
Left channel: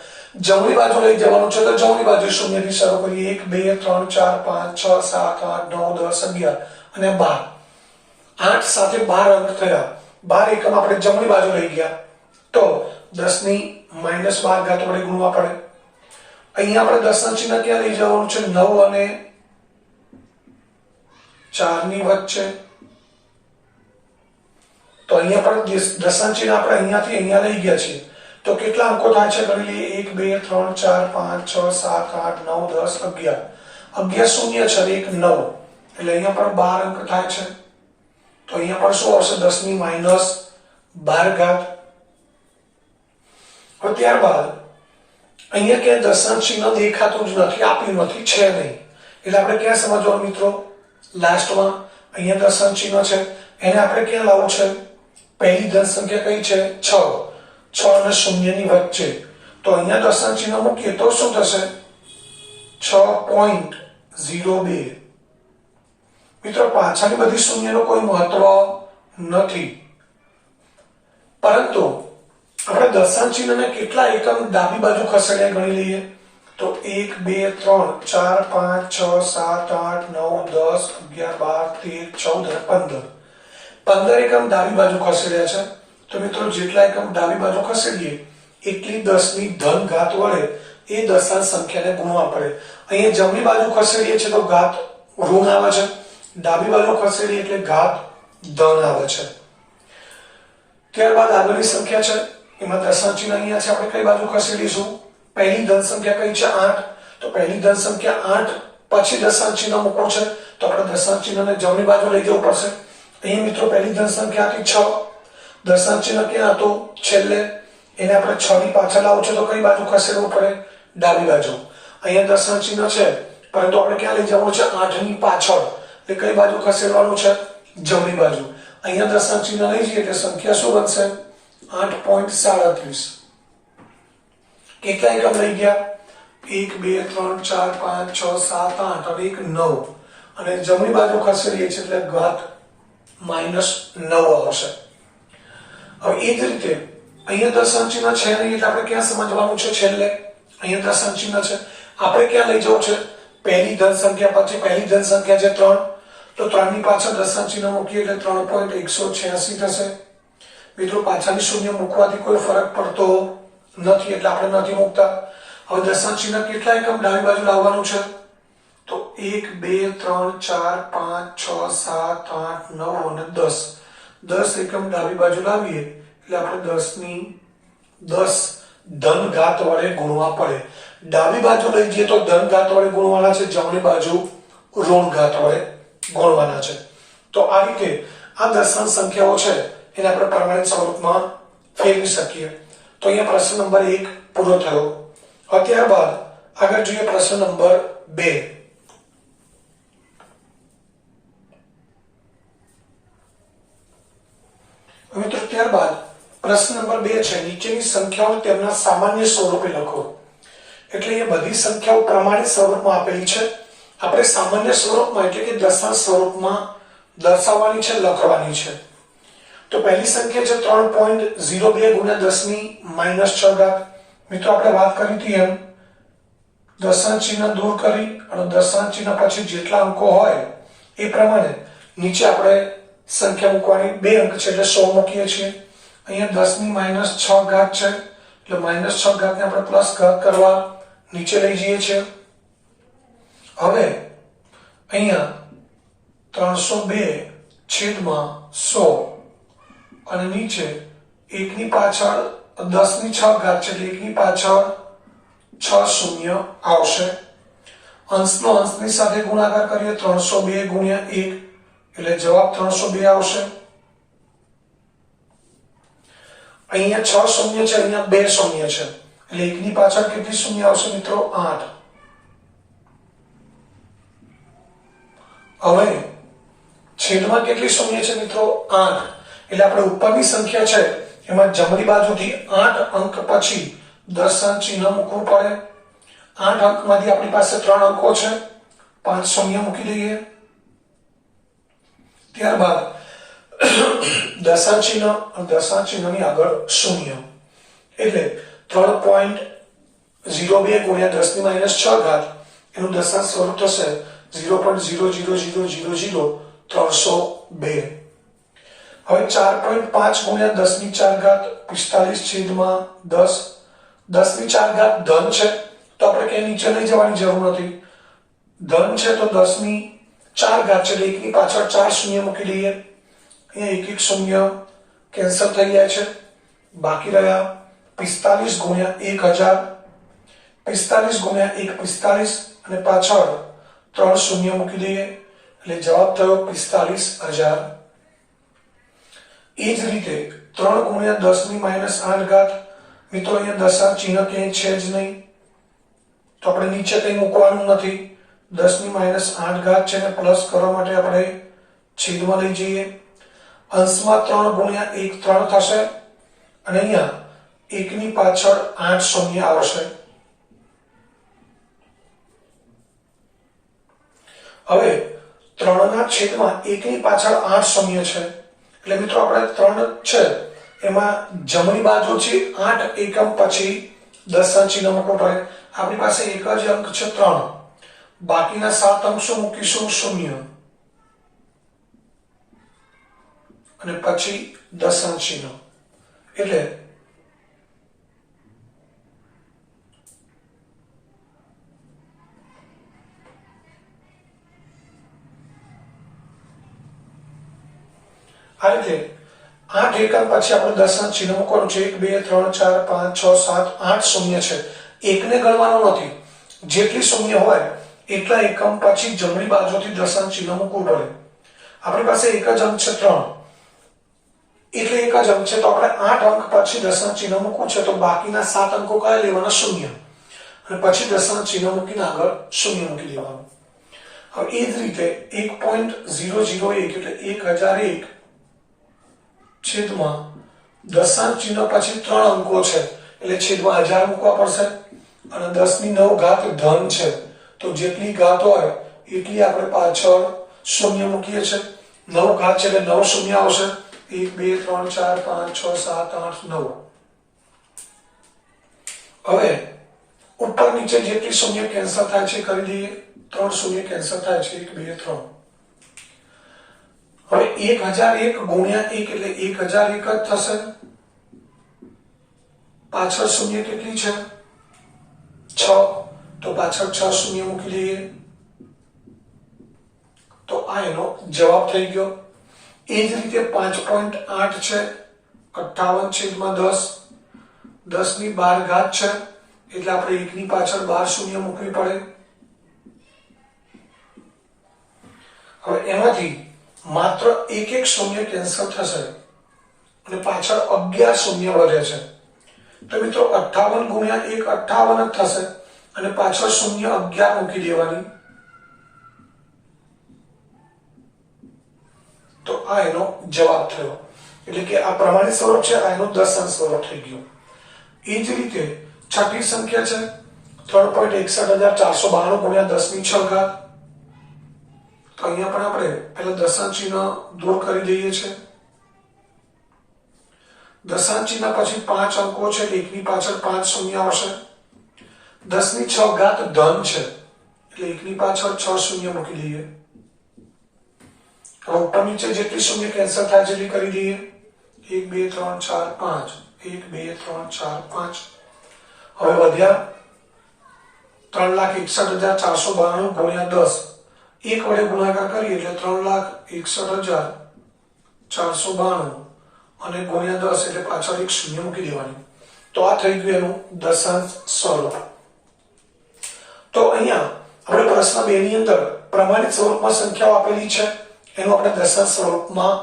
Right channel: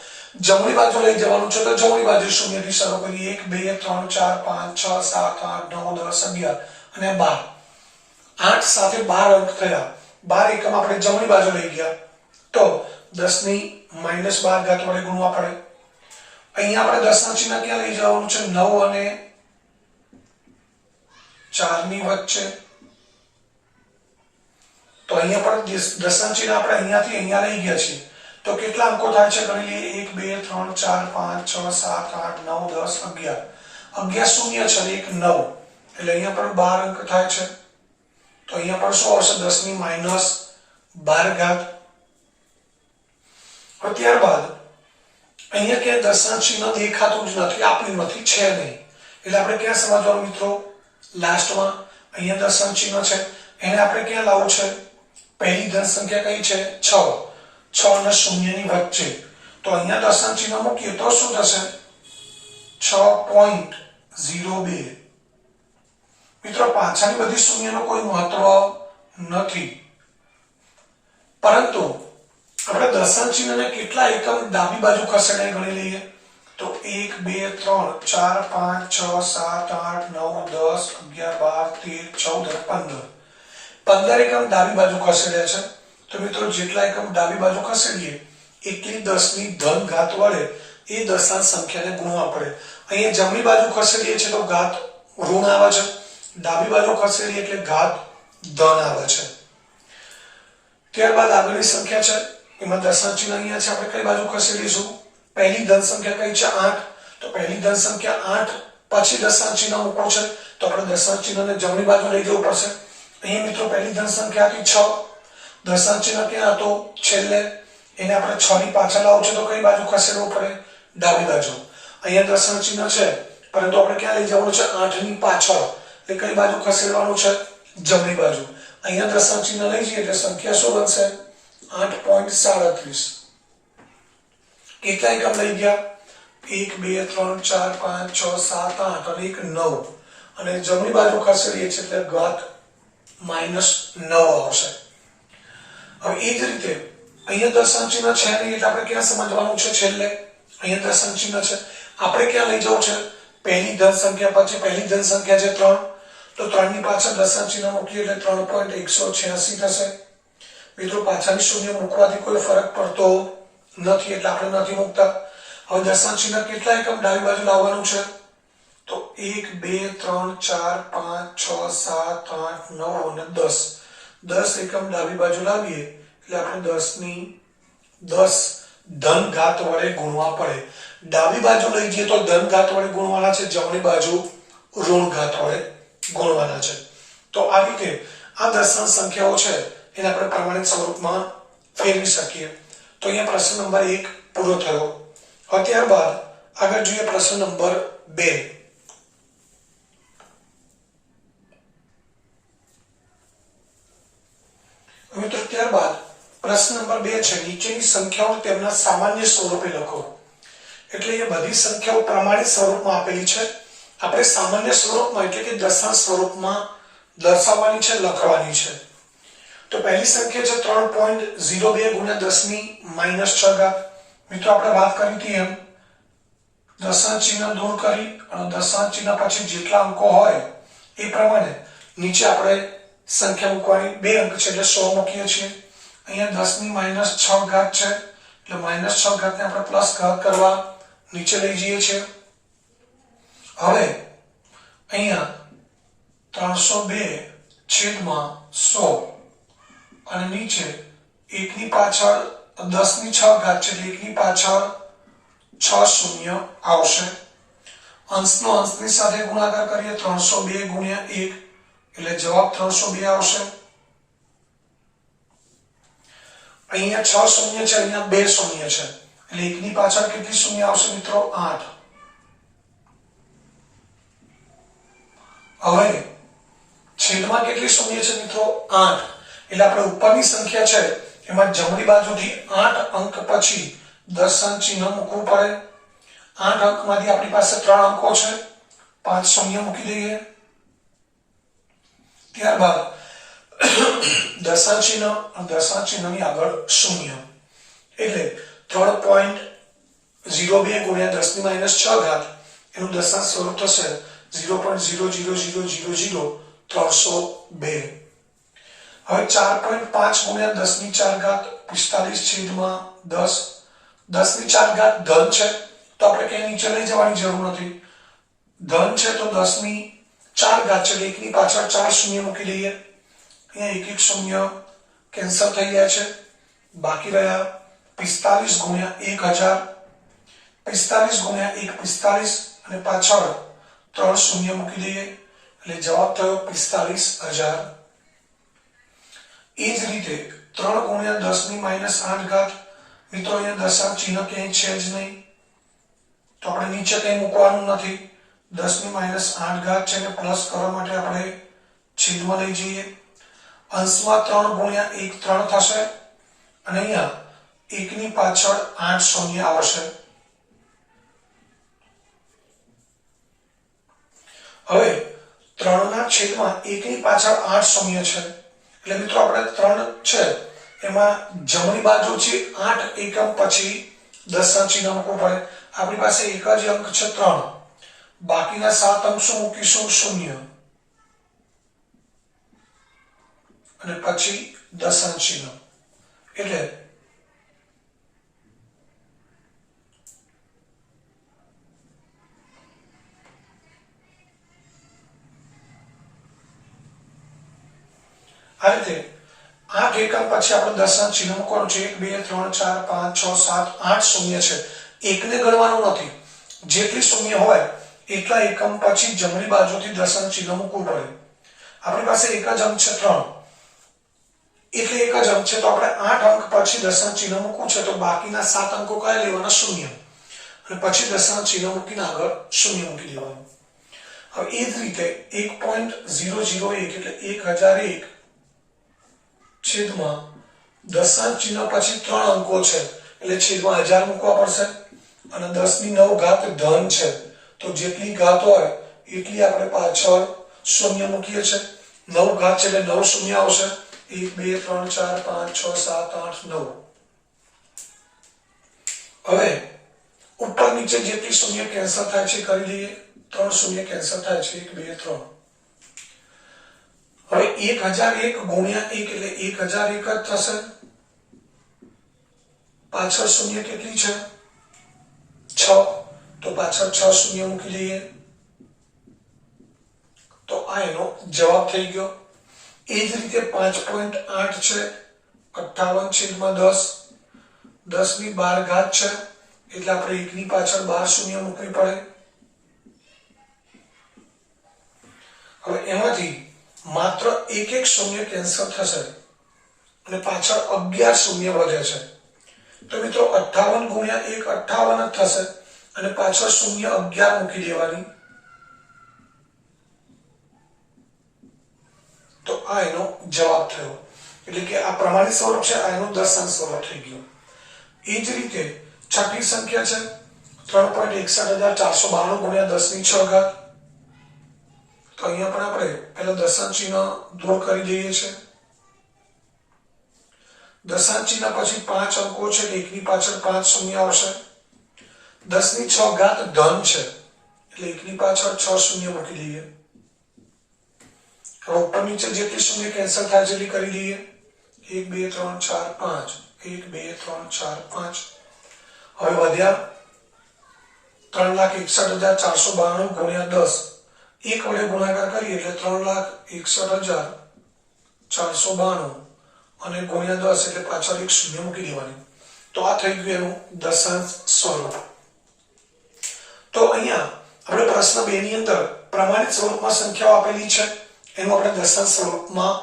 જમણી બાજુ લઈ જવાનું છે તો જમણી બાજુ શૂન્યથી શરૂ કરીએ. 1 2 3 4 5 6 7 8 9 10 11 અને 12. 8 સાથે 12 અંક થયા. 12 એકમ આપણે જમણી બાજુ લઈ ગયા તો 10 ની -12 ઘાત વડે ગુણવા પડે. અહીંયા આપણે દશાંશ ચિહ્ન ક્યાં લઈ જવાનું છે? 9 અને 4 ની વચ્ચે. તો અહીંયા પણ દશાંશ ચિહ્ન આપણે અહીંયાથી અહીંયા લઈ ગયા છીએ. તો કેટલા અંકો થાય છે ગણી લઈએ. 1 2 3 4 5 6 7 8 9 10 11 શૂન્ય છે 1 9 એટલે અહીંયા પણ 12 અંક થાય છે. તો અહીંયા પણ શું આવશે? 10 ની -12 ઘાત. હવે ત્યારબાદ અહીંયા ક્યાંય દશાંશ ચિહ્ન દેખાતું જ નથી, આપ્યું નથી, છે નહીં. એટલે આપણે ક્યાં સમજવાનું મિત્રો? લાસ્ટમાં અહીંયા દશાંશ ચિહ્ન છે એને આપણે ક્યાં લાવવું છે? પહેલી ધન સંખ્યા કઈ છે? 6. 6 અને 0 ની વચ્ચે. તો અહીંયા દશાંશ ચિહ્ન મૂકીએ તો શું થશે? 6.02. મિત્રો પાછળની બધી શૂન્યનો કોઈ મહત્વ નથી, પરંતુ આપણે દશાંશ ચિહ્નને કેટલા એકમ ડાબી બાજુ ખસેડીને ગણી લઈએ તો 1 2 3 4 5 6 7 8 9 10 11 12 13 14 અને 15 એકમ ડાબી બાજુ ખસેડ્યા છે. તો મિત્રો જેટલા એકમ ડાબી બાજુ ખસેડીએ એટલી 10 ની ધન ઘાત વડે એ દશાંશ સંખ્યાને ગુણવા પડે. અહીંયા જમણી બાજુ ખસેડીએ છીએ તો ઘાત ઋણ આવે છે, ડાબી બાજુ ખસેડીએ એટલે ઘાત ધન આવે છે. ત્યારબાદ આગળની સંખ્યા છે એમાં દશાંશ ચિહ્ન અહીંયા છે, આપણે કઈ બાજુ ખસેડીશું? પહેલી ધન સંખ્યા કઈ છે? 8. તો પહેલી ધન સંખ્યા 8 પછી દશાંશ ચિહ્ન મૂકવું છે તો આપણે દશાંશ ચિહ્નને જમણી બાજુ લઈ જવું પડશે. અહીં મિત્રો પહેલી ધન સંખ્યા હતી 6. દશાંશ ચિહ્ન ક્યાં હતું? છેલ્લે. એને આપણે 6 ની પાછળ લાવવું છે તો કઈ બાજુ ખસેડવું પડે? ડાબી બાજુ. અહીંયા દશાંશ ચિહ્ન છે પરંતુ આપણે ક્યાં લઈ જવાનું છે? 8 ની પાછળ. એટલે કઈ બાજુ ખસેડવાનું છે? જમણી બાજુ. અહીંયા દશાંશ ચિહ્ન લઈ જઈએ એટલે સંખ્યા શું બનશે? 8.37. કેટલા એકમ લઈ ગયા? 1 2 3 4 5 6 7 8 અને 1 9 અને જમણી બાજુ ખસેડીએ છીએ એટલે ઘાત -9 આવશે. હવે એ જ રીતે અહીંયા દશાંશ ચિહ્ન છે નહીં એટલે આપણે ક્યાં સમજવાનું છે? છેલ્લે. અહીંયા દશાંશ ચિહ્ન છે, આપણે ક્યાં લઈ જવું છે? પહેલી ધન સંખ્યા પછી પહેલી ધન સંખ્યા છે 3. તો 3 ની પાછળ દશાંશ ચિહ્ન મૂકીએ એટલે 3.186 થશે. મિત્રો પાછળની શૂન્ય મૂકવાથી કોઈ ફરક પડતો નથી એટલે આપણે નથી મૂકતા. હવે દશાંશ ચિહ્ન કેટલા એકમ ડાબી બાજુ લાવવાનું છે? તો 1 2 3 4 5 6 7 8 9 અને 10. 10 એકમ ડાબી બાજુ લાવીએ એટલે આપણે 10 ની 10 ધન ઘાત વડે ગુણવા પડે. ડાબી બાજુ લઈ જઈએ તો ધન ઘાત વડે ગુણવાના છે, જમણી બાજુ ઋણ ઘાત વડે ગુણવાના છે. તો આ રીતે આ દશાંશ સંખ્યાઓ છે એને આપણે પ્રમાણિત સ્વરૂપમાં ફેરવી શકીએ. તો અહીંયા પ્રશ્ન નંબર 1 પૂરો થયો. હવે ત્યારબાદ આગળ જોઈએ પ્રશ્ન નંબર 2. પ્રશ્ન નંબર 2 છે, નીચેની સંખ્યાઓ તેમના સામાન્ય સ્વરૂપે લખો. એટલે એ બધી સંખ્યાઓ પ્રમાણિત સ્વરૂપમાં આપેલી છે. આપણે સામાન્ય સ્વરૂપમાં એટલે કે દશાંશ સ્વરૂપમાં દર્શાવવાની છે, લખવાની છે. તો પહેલી સંખ્યા છે 3.02 ગુણ્યા 10 ની -6 ઘાત. મિત્રો આપણે વાત કરી હતી એમ દશાંશ ચિહ્ન દૂર કરી અને દશાંશ ચિહ્ન પછી જેટલા અંકો હોય એ પ્રમાણે નીચે આપણે સંખ્યા મૂકવાની. 2 અંક છે એટલે 100 મૂકીએ છીએ. અહીંયા 10 ની -6 ઘાત છે એટલે -6 ઘાતને આપણે પ્લસ ઘાત કરવા નીચે લઈ જઈએ છીએ. હવે અહીંયા 302/100 અને નીચે 1 ની પાછળ 10 ની 6 ઘાત છે એટલે 1 ની પાછળ 6 શૂન્ય આવશે. અંશનો અંશની સાથે ગુણાકાર કરીએ 302 ગુણ્યા 1 એટલે જવાબ 302 આવશે. અહીંયા 6 શૂન્ય છે, અહીંયા 2 શૂન્ય છે એટલે 1 ની પાછળ કેટલી શૂન્ય આવશે મિત્રો? 8. હવે છેદમાં કેટલી શૂન્ય છે મિત્રો? 8. એટલે આપણે ઉપરની સંખ્યા છે એમાં જમણી બાજુથી 8 અંક પછી દશાંશ ચિહ્ન મૂકવું પડે. 8 અંકમાંથી આપણી પાસે 3 અંકો છે, 5 શૂન્ય મૂકી દઈએ. ત્યારબાદ દશાંશ ચિહ્ન અને દશાંશ ચિહ્નની આગળ શૂન્ય એટલે 3.02 ગુણ્યા 10 ની -6 ઘાત એનું દશાંશ સ્વરૂપ થશે 0.0000302. હવે 4.5 ગુણ્યા 10 ની 4 ઘાત 45/10. 10 ની 4 ઘાત ધન છે તો આપણે ક્યાંય નીચે લઈ જવાની જરૂર નથી. ધન છે તો 10 ની 4 ઘાત છે એટલે 1 ની પાછળ 4 શૂન્ય મૂકી દઈએ. અહીંયા 1 શૂન્ય કેન્સલ થઈ જાય છે. બાકી રહ્યા 45 ગુણ્યા 1000. 45 ગુણ્યા 1 45 અને પાછળ 3 શૂન્ય મૂકી દઈએ એટલે જવાબ થયો 45,000. એ જ રીતે 3 ગુણ્યા 10 ની -8 ઘાત. મિત્રો અહીંયા દશાંશ ચિહ્ન ક્યાંય છે જ નહીં તો આપણે નીચે કંઈ મૂકવાનું નથી. 10 ની -8 ઘાત છે ને પ્લસ કરવા માટે આપણે છેદમાં લઈ જઈએ. અંશમાં 3 ગુણ્યા 1 3 થશે અને અહીંયા 1 ની પાછળ 8 શૂન્ય આવશે. હવે 3 ના છેદમાં 1 ની પાછળ 8 શૂન્ય છે એટલે મિત્રો આપણે 3 છે એમાં જમણી બાજુથી 8 એકમ પછી દશાંશ ચિહ્ન મૂકવું પડે. આપણી પાસે એક જ અંક છે 3, બાકીના 7 અંક શું મૂકીશું? શૂન્ય અને પછી દશાંશ ચિહ્ન એટલે આ રીતે 8 એકમ પછી આપણે દશાંશ ચિહ્ન મૂકવાનું છે. 1 2 3 4 5 6 7 8 શૂન્ય છે. એકને ગણવાનું નથી, જેટલી શૂન્ય હોય એટલા એકમ પછી જમણી બાજુથી દશાંશ ચિહ્ન મૂકવું પડે. આપણી પાસે એક જ અંક છે 3 એટલે એક જ અંક છે તો આપણે 8 અંક પછી દશાંશ ચિહ્ન મૂકવું છે તો બાકીના 7 અંકો કયા લેવાના? શૂન્ય અને પછી દશાંશ ચિહ્ન મૂકીને આગળ શૂન્ય મૂકી દેવાનું. હવે એ જ રીતે 1.001 એટલે 1001 છેદમાં દશાંશ ચિહ્ન પછી 3 અંકો છે એટલે છેદમાં 1000 મૂકવા પડશે. અને 10 ની 9 ઘાત ધન છે તો જેટલી ઘાત હોય એટલી આપણે પાછળ શૂન્ય મૂકીએ છીએ. 9 ઘાત છે એટલે 9 શૂન્ય આવશે. 1 2 3 4 5 6 7 8 9. હવે ઉપર નીચે જેટલી શૂન્ય કેન્સલ થાય છે કરી દઈએ. 3 શૂન્ય કેન્સલ થાય છે 1 2 3. હવે 1001 ગુણ્યા 1 એટલે 1001 જ થશે. પાછળ શૂન્ય કેટલી છે? 6 તો પાછળ 6 શૂન્ય મૂકી દઈએ તો આ એનો જવાબ થઈ ગયો. એ જ રીતે 5.8 છે 58/10. 10 ની 12 ઘાત છે એટલે આપણે 1 ની પાછળ 12 શૂન્ય મૂકવી પડે. હવે એમાંથી માત્ર એક શૂન્ય કેન્સલ થશે અને પાછળ 11 શૂન્ય વધે છે તો મિત્રો 58 ગુણ્યા 1 58 જ થશે અને પાછળ શૂન્ય 11 મૂકી દેવાની તો આ એનો જવાબ થયો. એટલે કે આ પ્રમાણિત સ્વરૂપ છે, આ એનું દશાંશ સ્વરૂપ થઈ ગયું. એ જ રીતે છઠ્ઠી સંખ્યા છે 3,61,492 ગુણ્યા 10 ની 6 ઘાત. તો અહીંયા પણ આપણે પહેલા દશાંશ ચિહ્ન દૂર કરી દઈએ છીએ. દશાંશ ચિહ્ન પછી 5 અંકો છે, એટલે એકની પાછળ 5 શૂન્ય આવશે. 10 ની 6 ઘાત ધન છે, એટલે એકની પાછળ 6 શૂન્ય મૂકી દઈએ. હવે ઉપર નીચે જેટલી શૂન્ય કેન્સલ થાય જેટલી કરી દઈએ. 1 2 3 4 5 1 2 3 4 5. હવે વધ્યા 3,61,492 ગુણ્યા 10. એક વડે ગુણાકાર કરીએ એટલે 3,61,492 અને ગુણ્યા 10 એટલે પાછળ એક શૂન્ય મૂકી દેવાની. તો આ થઈ ગયું એનું દશાંશ સ્વરૂપ. તો અહીંયા આપણે પ્રશ્ન 2 ની અંદર પ્રમાણિત સ્વરૂપમાં સંખ્યાઓ આપેલી છે, એનું આપણે દશાંશ સ્વરૂપમાં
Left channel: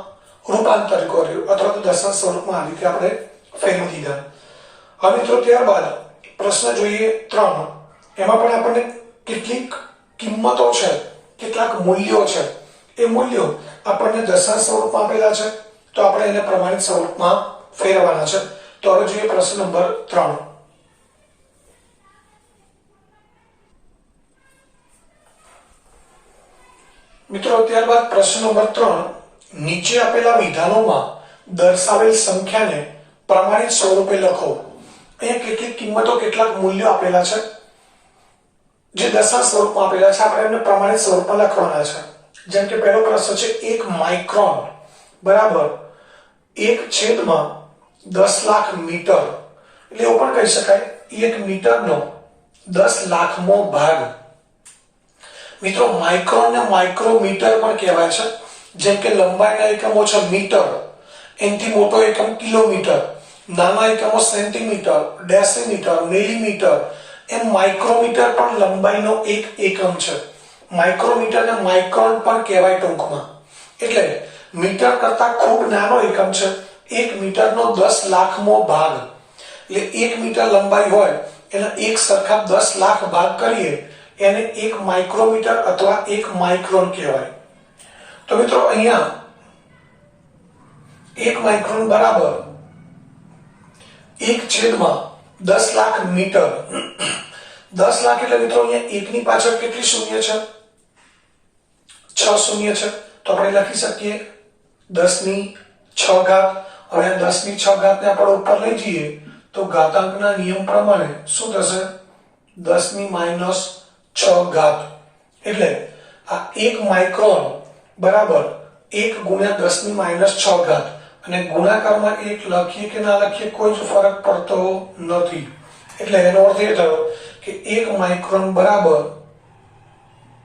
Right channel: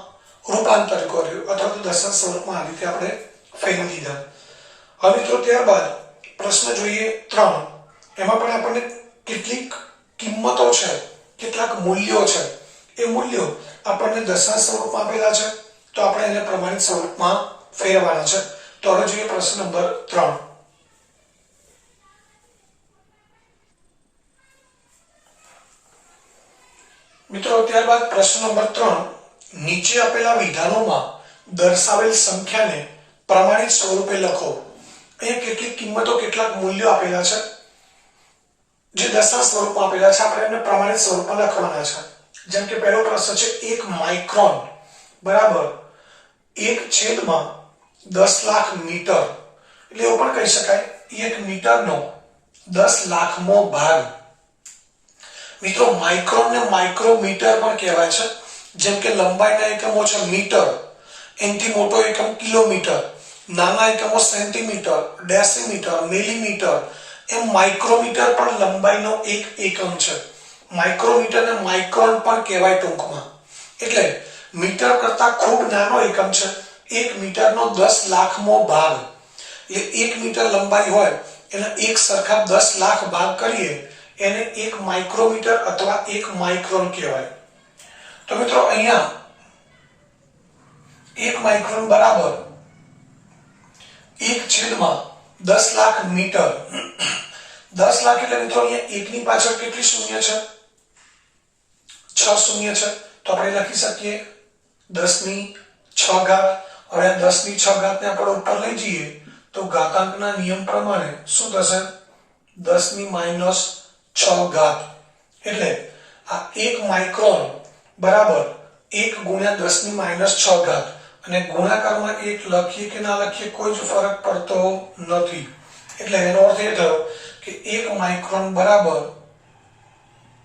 રૂપાંતર કર્યું અથવા તો દશાંશ સ્વરૂપમાં આ રીતે આપણે ફેરવી દીધા. હવે મિત્રો ત્યારબાદ પ્રશ્ન જોઈએ 3. એમાં પણ આપણને કેટલીક કિંમતો છે, કેટલાક મૂલ્યો છે, એ મૂલ્યો આપણને દશાંશ સ્વરૂપમાં આપેલા છે, તો આપણે એને પ્રમાણિત સ્વરૂપમાં ફેરવવાના છે. તો હવે જોઈએ પ્રશ્ન નંબર 3. મિત્રો ત્યારબાદ પ્રશ્ન નંબર 3. નીચે આપેલા વિધાનોમાં દર્શાવેલ સંખ્યાને પ્રમાણિત સ્વરૂપે લખો. અહીંયા કેટલીક કિંમતો, કેટલાક મૂલ્યો આપેલા છે જે દશાંશ સ્વરૂપમાં આપેલા છે, આપણે એમને પ્રમાણિત સ્વરૂપમાં લખવાના છે. જેમ કે પહેલો પ્રશ્ન છે 1 માઇક્રોન બરાબર 1/10 લાખ મીટર. એટલે એવું પણ કહી શકાય 1 મીટરનો 10 લાખમો ભાગ. મિત્રો માઇક્રોન ને માઇક્રોમીટર પણ કહેવાય છે. જેમ કે લંબાઈના એકમો છે મીટર, એનાથી મોટો એકમ કિલોમીટર, નાના એકમો સેન્ટીમીટર, ડેસીમીટર, મિલીમીટર, એમ માઇક્રોમીટર પણ લંબાઈનો એક એકમ છે. માઇક્રોમીટરને માઇક્રોન પણ કહેવાય ટૂંકમાં. એટલે મીટર કરતા ખૂબ નાનો એકમ છે. 1 મીટરનો 10 લાખમો ભાગ. એટલે 1 મીટર લંબાઈ હોય એના એક સરખા 10 લાખ ભાગ કરીએ એને 1 માઇક્રોમીટર અથવા 1 માઇક્રોન કહેવાય. તો મિત્રો અહીંયા 1 માઇક્રોન બરાબર 1/10 લાખ મીટર. 10 લાખ એટલે મિત્રો અહીંયા 1 ની પાછળ કેટલી શૂન્ય છે? 6 શૂન્ય છે. તો આપણે લખી શકીએ 10 ની 6 ઘાત. હવે 10 ની 6 ઘાતને આપણે ઉપર લઈ જઈએ તો ઘાતાંકના નિયમ પ્રમાણે શું થશે? 10 ની -6 ઘાત. એટલે આ 1 માઇક્રોન બરાબર 1 ગુણ્યા 10 ની -6 ઘાત. અને ગુણાકારમાં 1 લખીએ કે ના લખીએ કોઈ જ ફરક પડતો નથી. એટલે એનો અર્થ એ થયો કે 1 માઇક્રોન બરાબર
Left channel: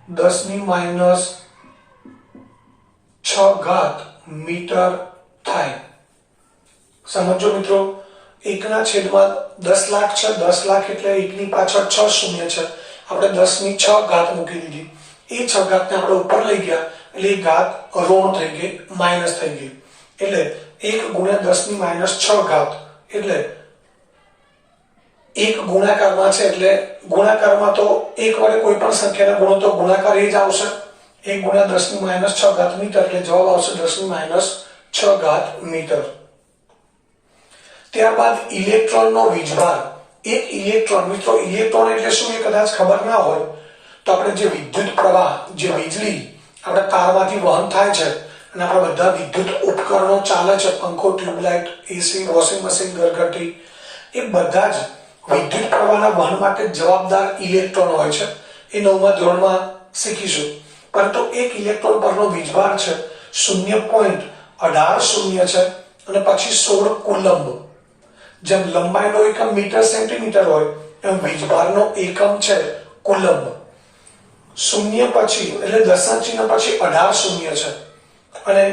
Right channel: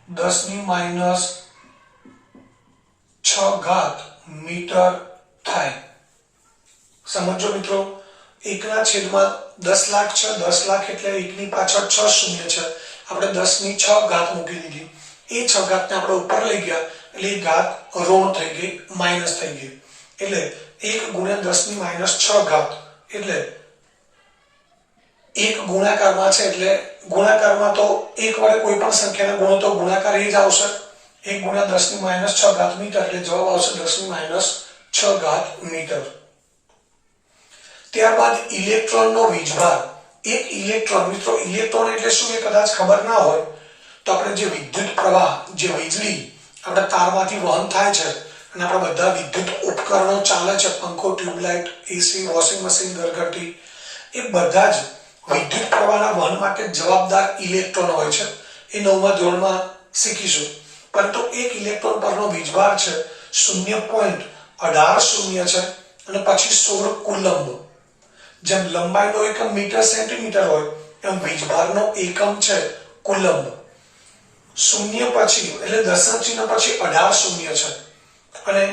10 ની -6 ઘાત મીટર થાય. સમજો મિત્રો, 1/10 લાખ છે. 10 લાખ એટલે 1 ની પાછળ 6 શૂન્ય છે. આપણે 10 ની 6 ઘાત મૂકી દીધી. એ 6 ઘાતને આપણે ઉપર લઈ ગયા એટલે એ ઘાત ઋણ થઈ ગઈ, માઇનસ થઈ ગઈ. એટલે 1 ગુણ્યા 10 ની -6 ઘાત. એટલે 1 ગુણાકારમાં છે, એટલે ગુણાકારમાં તો 1 વડે કોઈ પણ સંખ્યાને ગુણો તો ગુણાકાર એ જ આવશે. 1 ગુણ્યા 10 ની -6 ઘાત મીટર. એટલે જવાબ આવશે 10 ની -6 ઘાત મીટર. ત્યારબાદ ઇલેક્ટ્રોનનો વીજભાર. એક ઇલેક્ટ્રોન, મિત્રો ઇલેક્ટ્રોન એટલે શું એ કદાચ ખબર ના હોય તો આપણે જે વિદ્યુત પ્રવાહ, જે વીજળી આપણે તારમાંથી વહન થાય છે અને આપણા બધા વિદ્યુત ઉપકરણો ચાલે છે, પંખો, ટ્યુબલાઇટ, એસી, વોશિંગ મશીન, ઘરઘંટી, એ બધા જ વિદ્યુત પ્રવાહના વહન માટે જવાબદાર ઇલેક્ટ્રોન હોય છે. એ 9મા ધોરણમાં શીખીશું. પરંતુ એક ઇલેક્ટ્રોન પરનો વીજભાર છે 0.18 છે અને પછી 16 કુલમ્બ. જેમ લંબાઈનો એકમ મીટર સેન્ટીમીટર હોય એમ વીજભારનો એકમ છે કુલમ્બ. શૂન્ય પછી એટલે દશાંશ ચિહ્ન પછી 18 શૂન્ય છે અને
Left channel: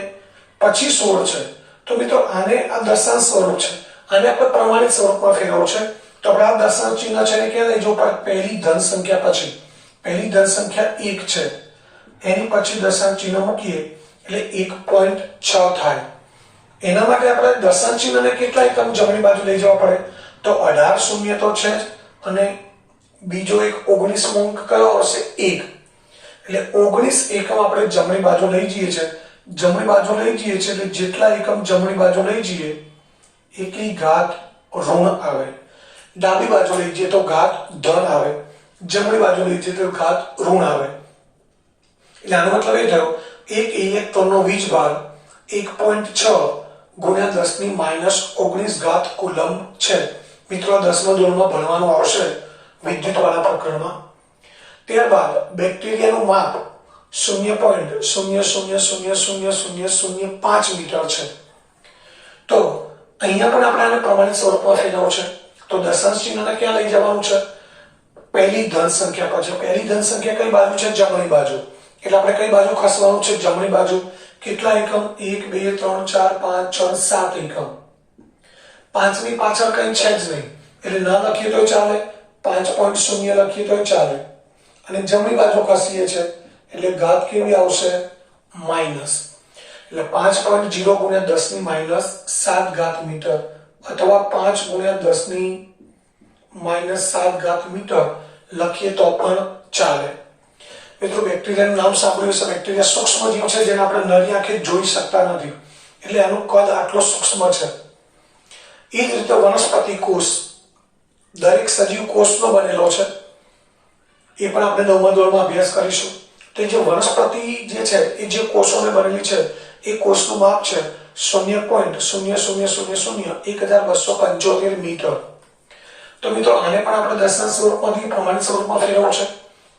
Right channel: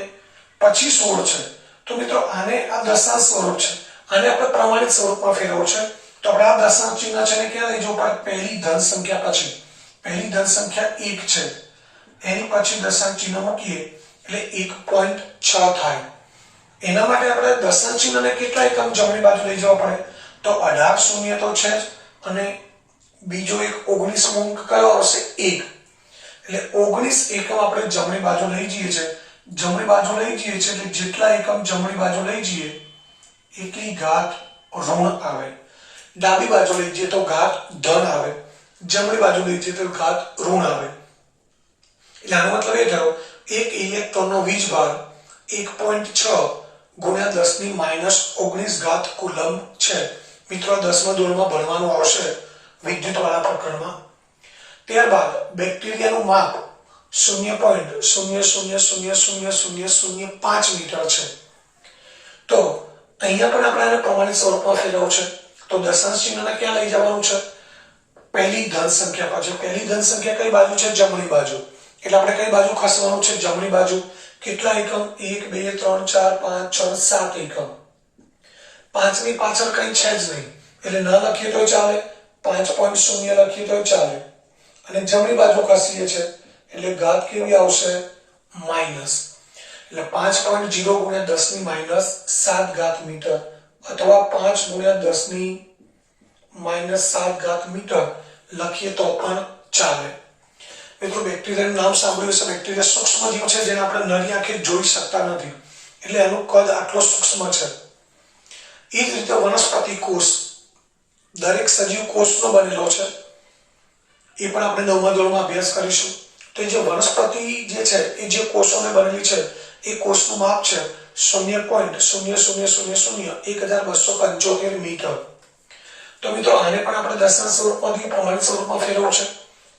પછી 16 છે. તો મિત્રો આને આ દશાંશ સ્વરૂપ છે, આને આપણે પ્રમાણિત સ્વરૂપમાં ફેરવવું છે. તો આપણે આ દશાંશ ચિહ્ન છે એને ક્યાં લઈ જવું પડે? પહેલી ધન સંખ્યા પછી. પહેલી ધન સંખ્યા 1 છે, એની પછી દશાંશ ચિહ્ન મૂકીએ એટલે 1.6 થાય. એના માટે આપણે દશાંશ ચિહ્નને કેટલા એકમ જમણી બાજુ લઈ જવા પડે? તો 18 શૂન્ય તો છે જ અને બીજો એક 19મો અંક કયો આવશે? 1. એટલે 19 એકમ આપણે જમણી બાજુ લઈ જઈએ છે. જમણી બાજુ લઈ જઈએ છીએ એટલે જેટલા એકમ જમણી બાજુ લઈ જઈએ એટલી ઘાત ઋણ આવે, ડાબી બાજુ લઈ જઈએ તો ઘાત ધન આવે, જમણી બાજુ લઈ જઈએ તો ઘાત ઋણ આવે. એટલે આનો મતલબ એ થયો એક ઇલેક્ટ્રોનનો વીજભાર 1.6 ગુણ્યા 10⁻−19 ઘાત કુલમ્બ છે. મિત્રો 10મા ધોરણમાં ભણવાનું આવશે વિદ્યુતવાળા પ્રકરણમાં. ત્યારબાદ બેક્ટેરિયાનું માપ 0.00000005 મીટર છે. તો અહીંયા પણ આપણે આને પ્રમાણિત સ્વરૂપમાં ફેરવવું છે તો દશાંશ ચિહ્નને ક્યાં લઈ જવાનું છે? પહેલી ધન સંખ્યા પાછળ. પહેલી ધન સંખ્યા કઈ બાજુ છે? જમણી બાજુ. એટલે આપણે કઈ બાજુ ખસવાનું છે? જમણી બાજુ. કેટલા એકમ? 1 2 3 4 5 6 7 એકમ. 5ની પાછળ કઈ છે જ નહીં એટલે ન લખીએ તો ચાલે, 5.0 લખીએ તો ચાલે. અને જમણી બાજુ ખસીએ છે એટલે ઘાત કેવી આવશે? માઈનસ. એટલે 5.0 ગુણ્યા 10⁻7 ઘાત મીટર અથવા 5 ગુણ્યા 10⁻7 ઘાત મીટર લખીએ તો પણ ચાલે. મિત્રો બેક્ટેરિયાનું નામ સાંભળ્યું છે. બેક્ટેરિયા સૂક્ષ્મ જીવ છે જેને આપણે નરી આંખે જોઈ શકતા નથી એટલે આનું કદ આટલો સૂક્ષ્મ છે. એ જ રીતે વનસ્પતિ કોષ દરેક સજીવ કોષનો બનેલો છે. એ પણ આપણે 9મા ધોરણમાં અભ્યાસ કરીશું. તો જે વનસ્પતિ જે છે એ જે કોષોને બનેલી છે એ કોષનું માપ છે 0.00001275 મીટર. તો મિત્રો આને પણ આપણે દશાંશ સ્વરૂપમાંથી પ્રમાણિત સ્વરૂપમાં ફેરવવું છે.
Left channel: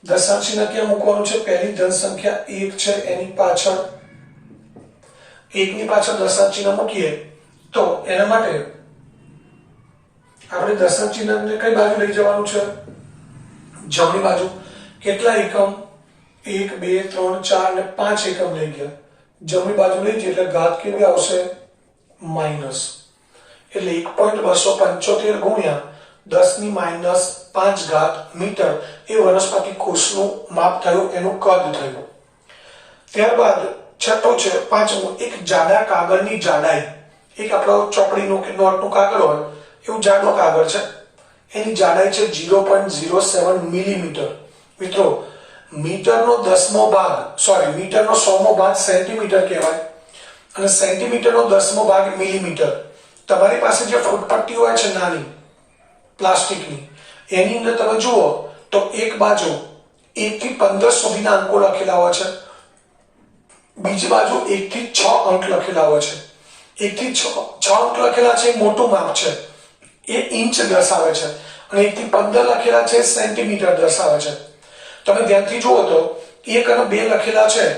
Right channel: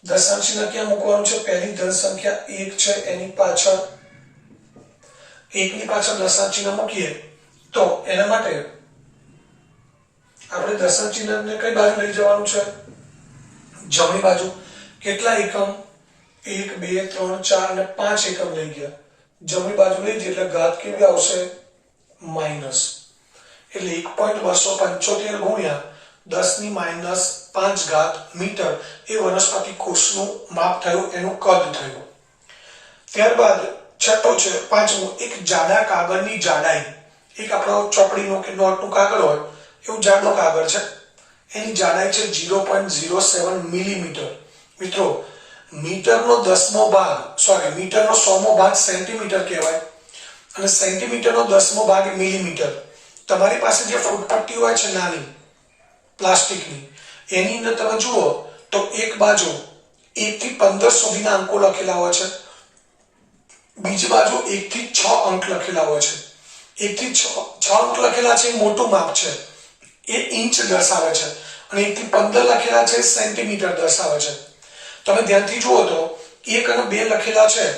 દશાંશ ચિહ્ન ક્યાં મૂકવાનું છે? પહેલી ધન સંખ્યા 1 છે એની પાછળ, 1ની પાછળ દશાંશ ચિહ્ન મૂકીએ તો એના માટે આપણે દશાંશ ચિહ્નને કઈ બાજુ લઈ જવાનું છે? જમણી બાજુ. કેટલા એકમ? 1 2 3 4 અને 5 એકમ લઈ ગયા. જમણી બાજુ લઈ જઈએ એટલે ઘાત કેવી આવશે? માઈનસ. એટલે 1.275 ગુણ્યા 10⁻5 ઘાત મીટર એ વનસ્પતિ કોષનું માપ થયું, એનું કદ થયું. ત્યારબાદ છઠ્ઠો છે, પાંચમું, એક જાડા કાગળની જાડાઈ. એક આપણો ચોપડીનો કે નોટનું કાગળ હોય એવું જાડો કાગળ છે, એની જાડાઈ છે 0.07 મિલીમીટર. મિત્રો મીટરનો 10મો ભાગ મીટરનો 100મો ભાગ સેન્ટીમીટર કહેવાય અને સેન્ટીમીટરનો 10મો ભાગ મિલીમીટર. તમારી પાસે જે ફૂટપટ્ટી હોય છે નાની પ્લાસ્ટિકની, એની અંદર તમે જુઓ તો એક બાજુ 1 થી 15 સુધીના અંકો લખેલા હોય છે, બીજી બાજુ 1 થી 6 અંક લખેલા હોય છે. 1 થી 6 અંક લખેલા છે એ મોટું માપ છે, એ ઇંચ દર્શાવે છે, અને 1 થી 15 લખેલા છે સેન્ટીમીટર દર્શાવે છે. તમે ધ્યાનથી જુઓ તો 1 અને 2 લખેલા છે,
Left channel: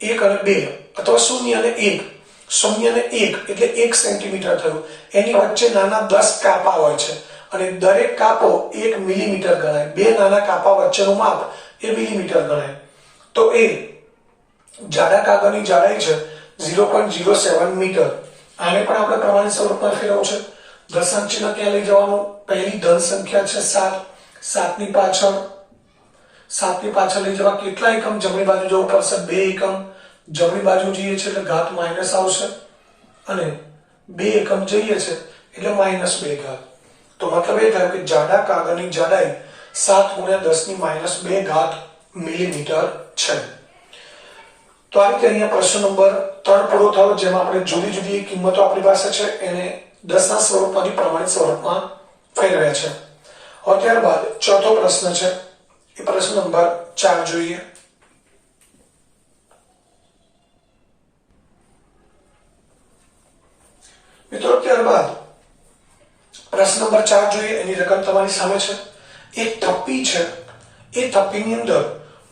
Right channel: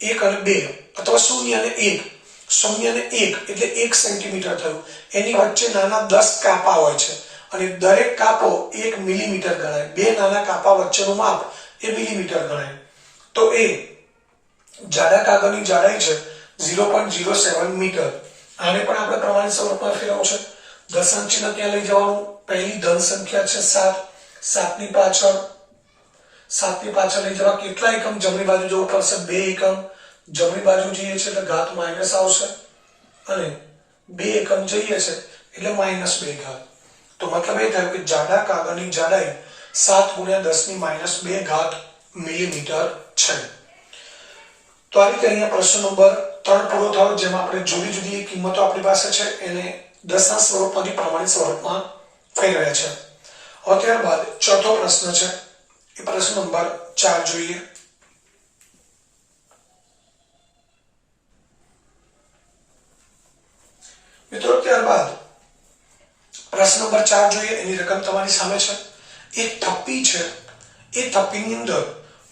1 અને 2 અથવા 0 અને 1, 0 અને 1 એટલે 1 સેન્ટીમીટર થયું. એની વચ્ચે નાના 10 કાપા હોય છે અને દરેક કાપો 1 મિલીમીટર ગણાય. બે નાના કાપા વચ્ચેનું માપ એ મિલીમીટર ગણાય. તો એ જાડા કાગળની જાડાઈ છે 0.07 મીટર. આને પણ આપણે પ્રમાણિત સ્વરૂપમાં ફેરવવું છે. દશાંશ ચિહ્ન ત્યાં લઈ જવાનું. પહેલી ધન સંખ્યા છે 7, 7ની પાછળ લઈ જવા. કેટલા એકમ? જમણી બાજુ જવું પડશે, 2 એકમ. જમણી બાજુ જઈએ છે એટલે ઘાત માઇનસ આવશે અને 2 એકમ જઈએ છે એટલે -2 ઘાત. તો મતલબ એ થયું કે જાડા કાગળની જાડાઈ 7 ગુણ્યા 10⁻2 ઘાત મિલીમીટર છે. તો આ રીતે અહીંયા પ્રશ્ન નંબર 3 પૂરો થયો, જેમાં આપણે જુદી જુદી કિંમતો આપણી પાસે છે એને દશાંશ સ્વરૂપમાંથી પ્રમાણિત સ્વરૂપમાં ફેરવ્યા છે. હવે ત્યારબાદ ચોથો પ્રશ્ન છે, એ પ્રશ્ન નંબર 4 જોઈએ. મિત્રો ત્યારબાદ પ્રશ્ન નંબર 4 જોઈએ. એની રકમ તમારી સામે છે. એક થપ્પી છે, એ થપ્પીની અંદર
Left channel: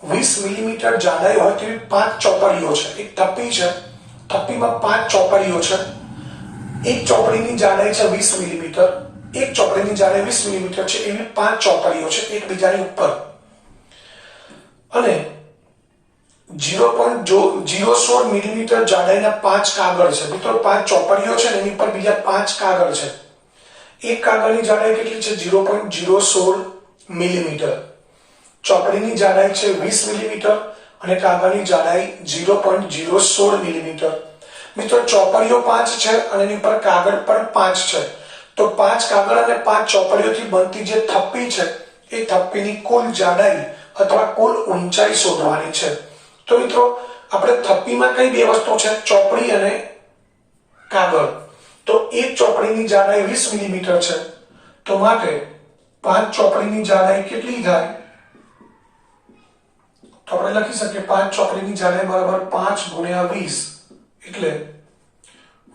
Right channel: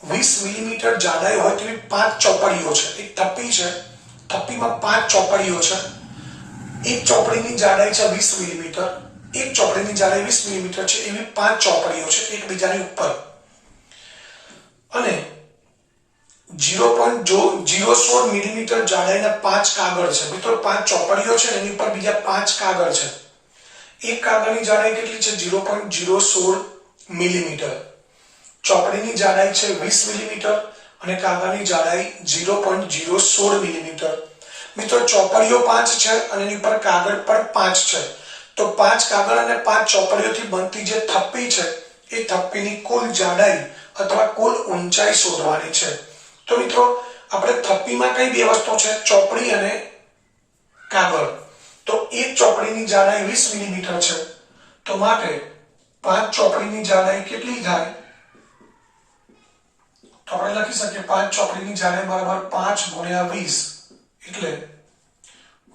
20 મિલીમીટર જાડાઈ હોય તેવી 5 ચોપડીઓ છે. એક થપ્પી છે, થપ્પીમાં 5 ચોપડીઓ છે. એક ચોપડીની જાડાઈ છે 20 મિલીમીટર, એક ચોપડીની જાડાઈ 20 મિલીમીટર છે, એવી 5 ચોપડીઓ છે એકબીજાની ઉપર. અને 0.016 મિલીમીટર જાડાઈના 5 કાગળ છે. મિત્રો 5 ચોપડીઓ છે ને એની પર બીજા 5 કાગળ છે. એક કાગળની જાડાઈ કેટલી છે? 0.016 મિલીમીટર. ચોપડીની જાડાઈ છે 20 મિલીમીટર અને કાગળની જાડાઈ 0.016 મિલીમીટર. મિત્રો ચોપડીઓ 5 છે અને એની પર કાગળ પણ 5 છે. તો 5 કાગળ અને 5 ચોપડીઓથી બનતી જે થપ્પી છે એ થપ્પીની કુલ જાડાઈ અથવા કુલ ઊંચાઈ શોધવાની છે. તો મિત્રો આપણે થપ્પીમાં કઈ બે વસ્તુ છે, ચોપડી અને કાગળ. તો એક ચોપડીની જાડાઈ 20 મિલીમીટર છે, તો માટે 5 ચોપડીની જાડાઈ કેટલી થાય? તો આપણે લખી શકીએ 5 ચોપડીની જાડાઈ બરાબર 5 ગુણ્યા 20 એટલે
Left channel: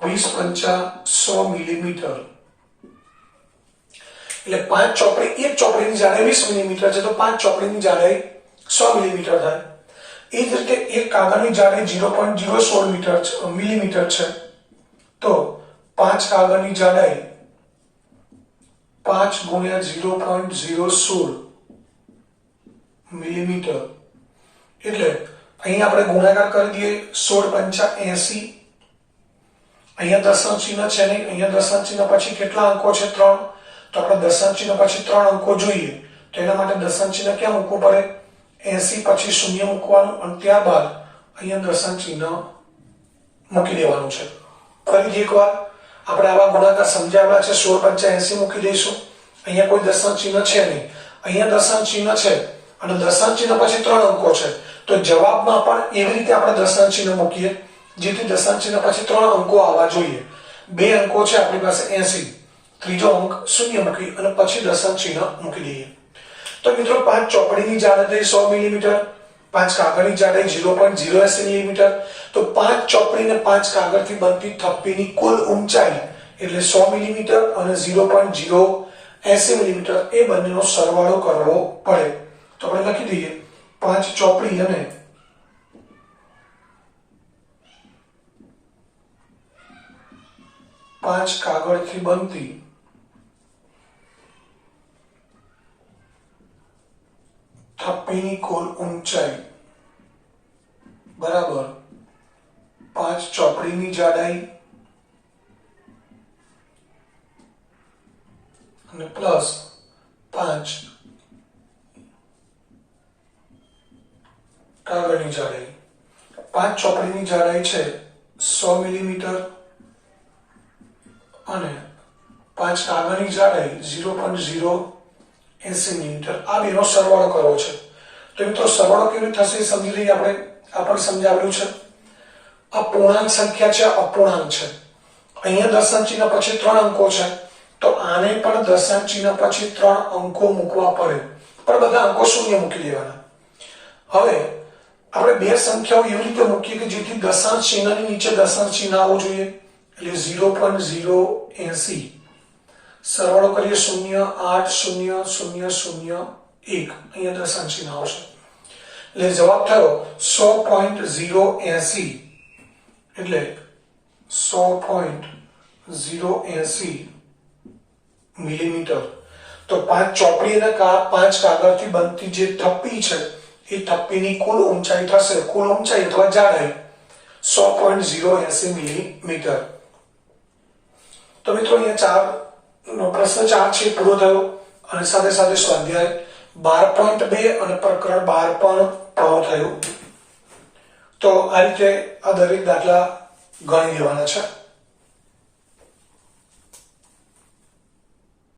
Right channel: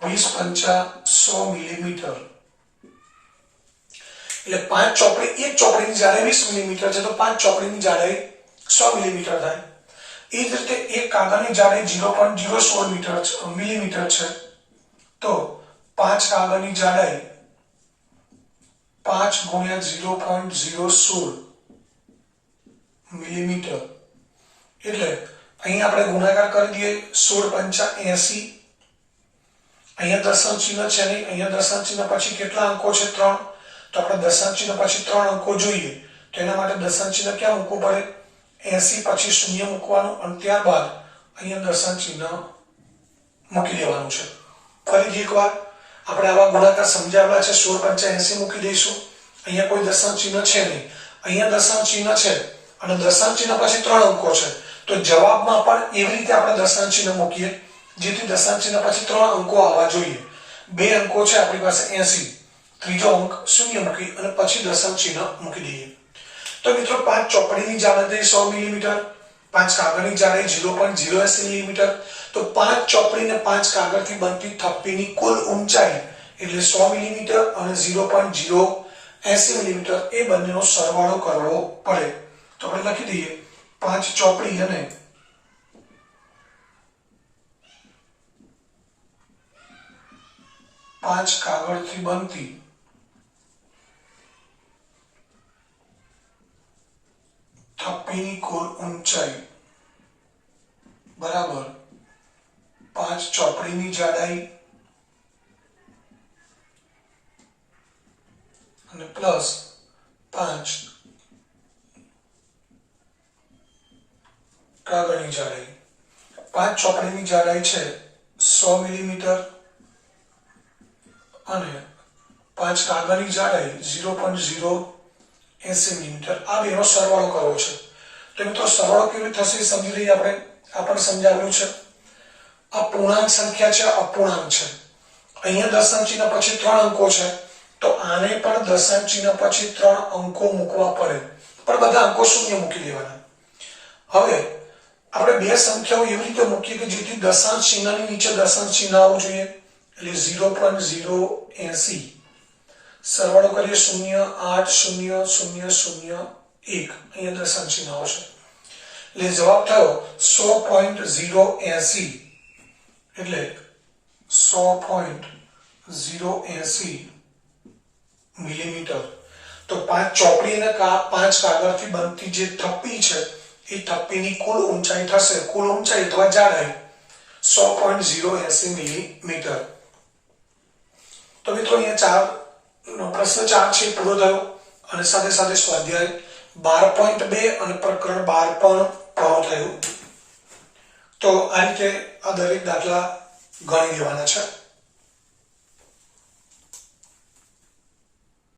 20 પંચા 100 મિલીમીટર. એટલે 5 ચોપડી, એક ચોપડીની જાડાઈ 20 મિલીમીટર છે, તો 5 ચોપડીની જાડાઈ 100 મિલીમીટર થાય. એ જ રીતે એક કાગળની જાડાઈ 0.016 મિલીમીટર છે, તો 5 કાગળની જાડાઈ 5 ગુણ્યા 0.016 મિલીમીટર એટલે અહીં આપણે ગુણાકાર કરી દઈએ. 16 પંચા 80. અહીંયા દશાંશ ચિહ્ન છે નહીં, અહીંયા દશાંશ ચિહ્ન પછી કેટલા અંકો છે? 3. તો આપણે દશાંશ ચિહ્ન પછી 3 અંકો જોઈએ, તો એના માટે દશાંશ ચિહ્ન ક્યાં મૂકવું પડે? 80 પછી શૂન્ય મૂકવાનું અને ત્યારબાદ અહીંયા દશાંશ ચિહ્ન મૂકી દેવાનું છે. ફરીથી એકવાર આપણે આવા ગુણાકાર સમજાવ્યા છે. 16 પંચા 80 મૂકી દઈશું. અહીંયા કોઈ દશાંશ ચિહ્ન છે નહીં, અહીંયા દશાંશ ચિહ્ન છે અને દશાંશ ચિહ્ન પછી 3 અંકો છે, તો જવાબમાં પણ એવી રીતે આપણે દશાંશ ચિહ્ન મૂકીએ જેથી દશાંશ ચિહ્ન પછી 3 અંકો આવવા જોઈએ. 2 અંકો છે આપણી પાસે 80, ત્રીજો અંક શૂન્ય મૂકી અને પછી દશાંશ ચિહ્ન મૂકી દઈએ. તો મિત્રો 5 ચોપડીની જાડાઈ 100 મિલીમીટર, 5 કાગળની જાડાઈ 0.080 મિલીમીટર. તો 5 ચોપડી અને 5 કાગળથી બનતી થપ્પીની કુલ ઊંચાઈ એટલે 100 મિલીમીટર અને 0.080 મિલીમીટર, એ બંનેનો સરવાળો કરવો પડે. તો આપણે લખી દઈએ 5 ચોપડી અને 5 કાગળથી બનતી થપ્પીની કુલ ઊંચાઈ બરાબર 5 ચોપડીની જાડાઈ અને પ્લસ 5 કાગળની જાડાઈ. 5 ચોપડીની જાડાઈ છે 100 મિલીમીટર અને 5 કાગળની જાડાઈ 0.080 મિલીમીટર. આ બેનો સરવાળો કરવો છે. તો મિત્રો સરવાળો કેવી થશે એ સમજી લઈએ આપણે. આ પણ સમજાવ્યું છે. અપૂર્ણાંક સંખ્યા છે, અપૂર્ણાંક છે. અહીંયા દશાંશ ચિહ્ન પછી 3 અંકો છે, તો આને પણ દશાંશ ચિહ્ન પછી 3 અંકો મૂકવા પડે, પણ બધા અંકો શૂન્ય મૂકી દેવાના. હવે આપણે બે સંખ્યાઓ એવી રીતે મૂકીએ કે જેથી દશાંશ ચિહ્નની નીચે દશાંશ ચિહ્ન આવવું જોઈએ, એટલે 0.080 સરવાળો કરીએ 0 8 0 0 0 1, અહીંયા દશાંશ ચિહ્ન આવશે એટલે જવાબ થયો 100.080 એટલે 100.080 મિલીમીટર. તો 5 ચોપડી અને 5 કાગળથી બનતી જે થપ્પી છે એ થપ્પીની કુલ ઊંચાઈ થશે, કુલ ઊંચાઈ અથવા જાડાઈ 100.080 મિલીમીટર. તો મિત્રો અહીંયા પ્રશ્ન 4 છે પૂરો થયો અને સાથે સાથે સ્વાધ્યાય 12.2 અને પ્રકરણ 12 પણ પૂરો થયું. તો આ રીતે આ દરેક દાખલા ગણી લેવાના છે.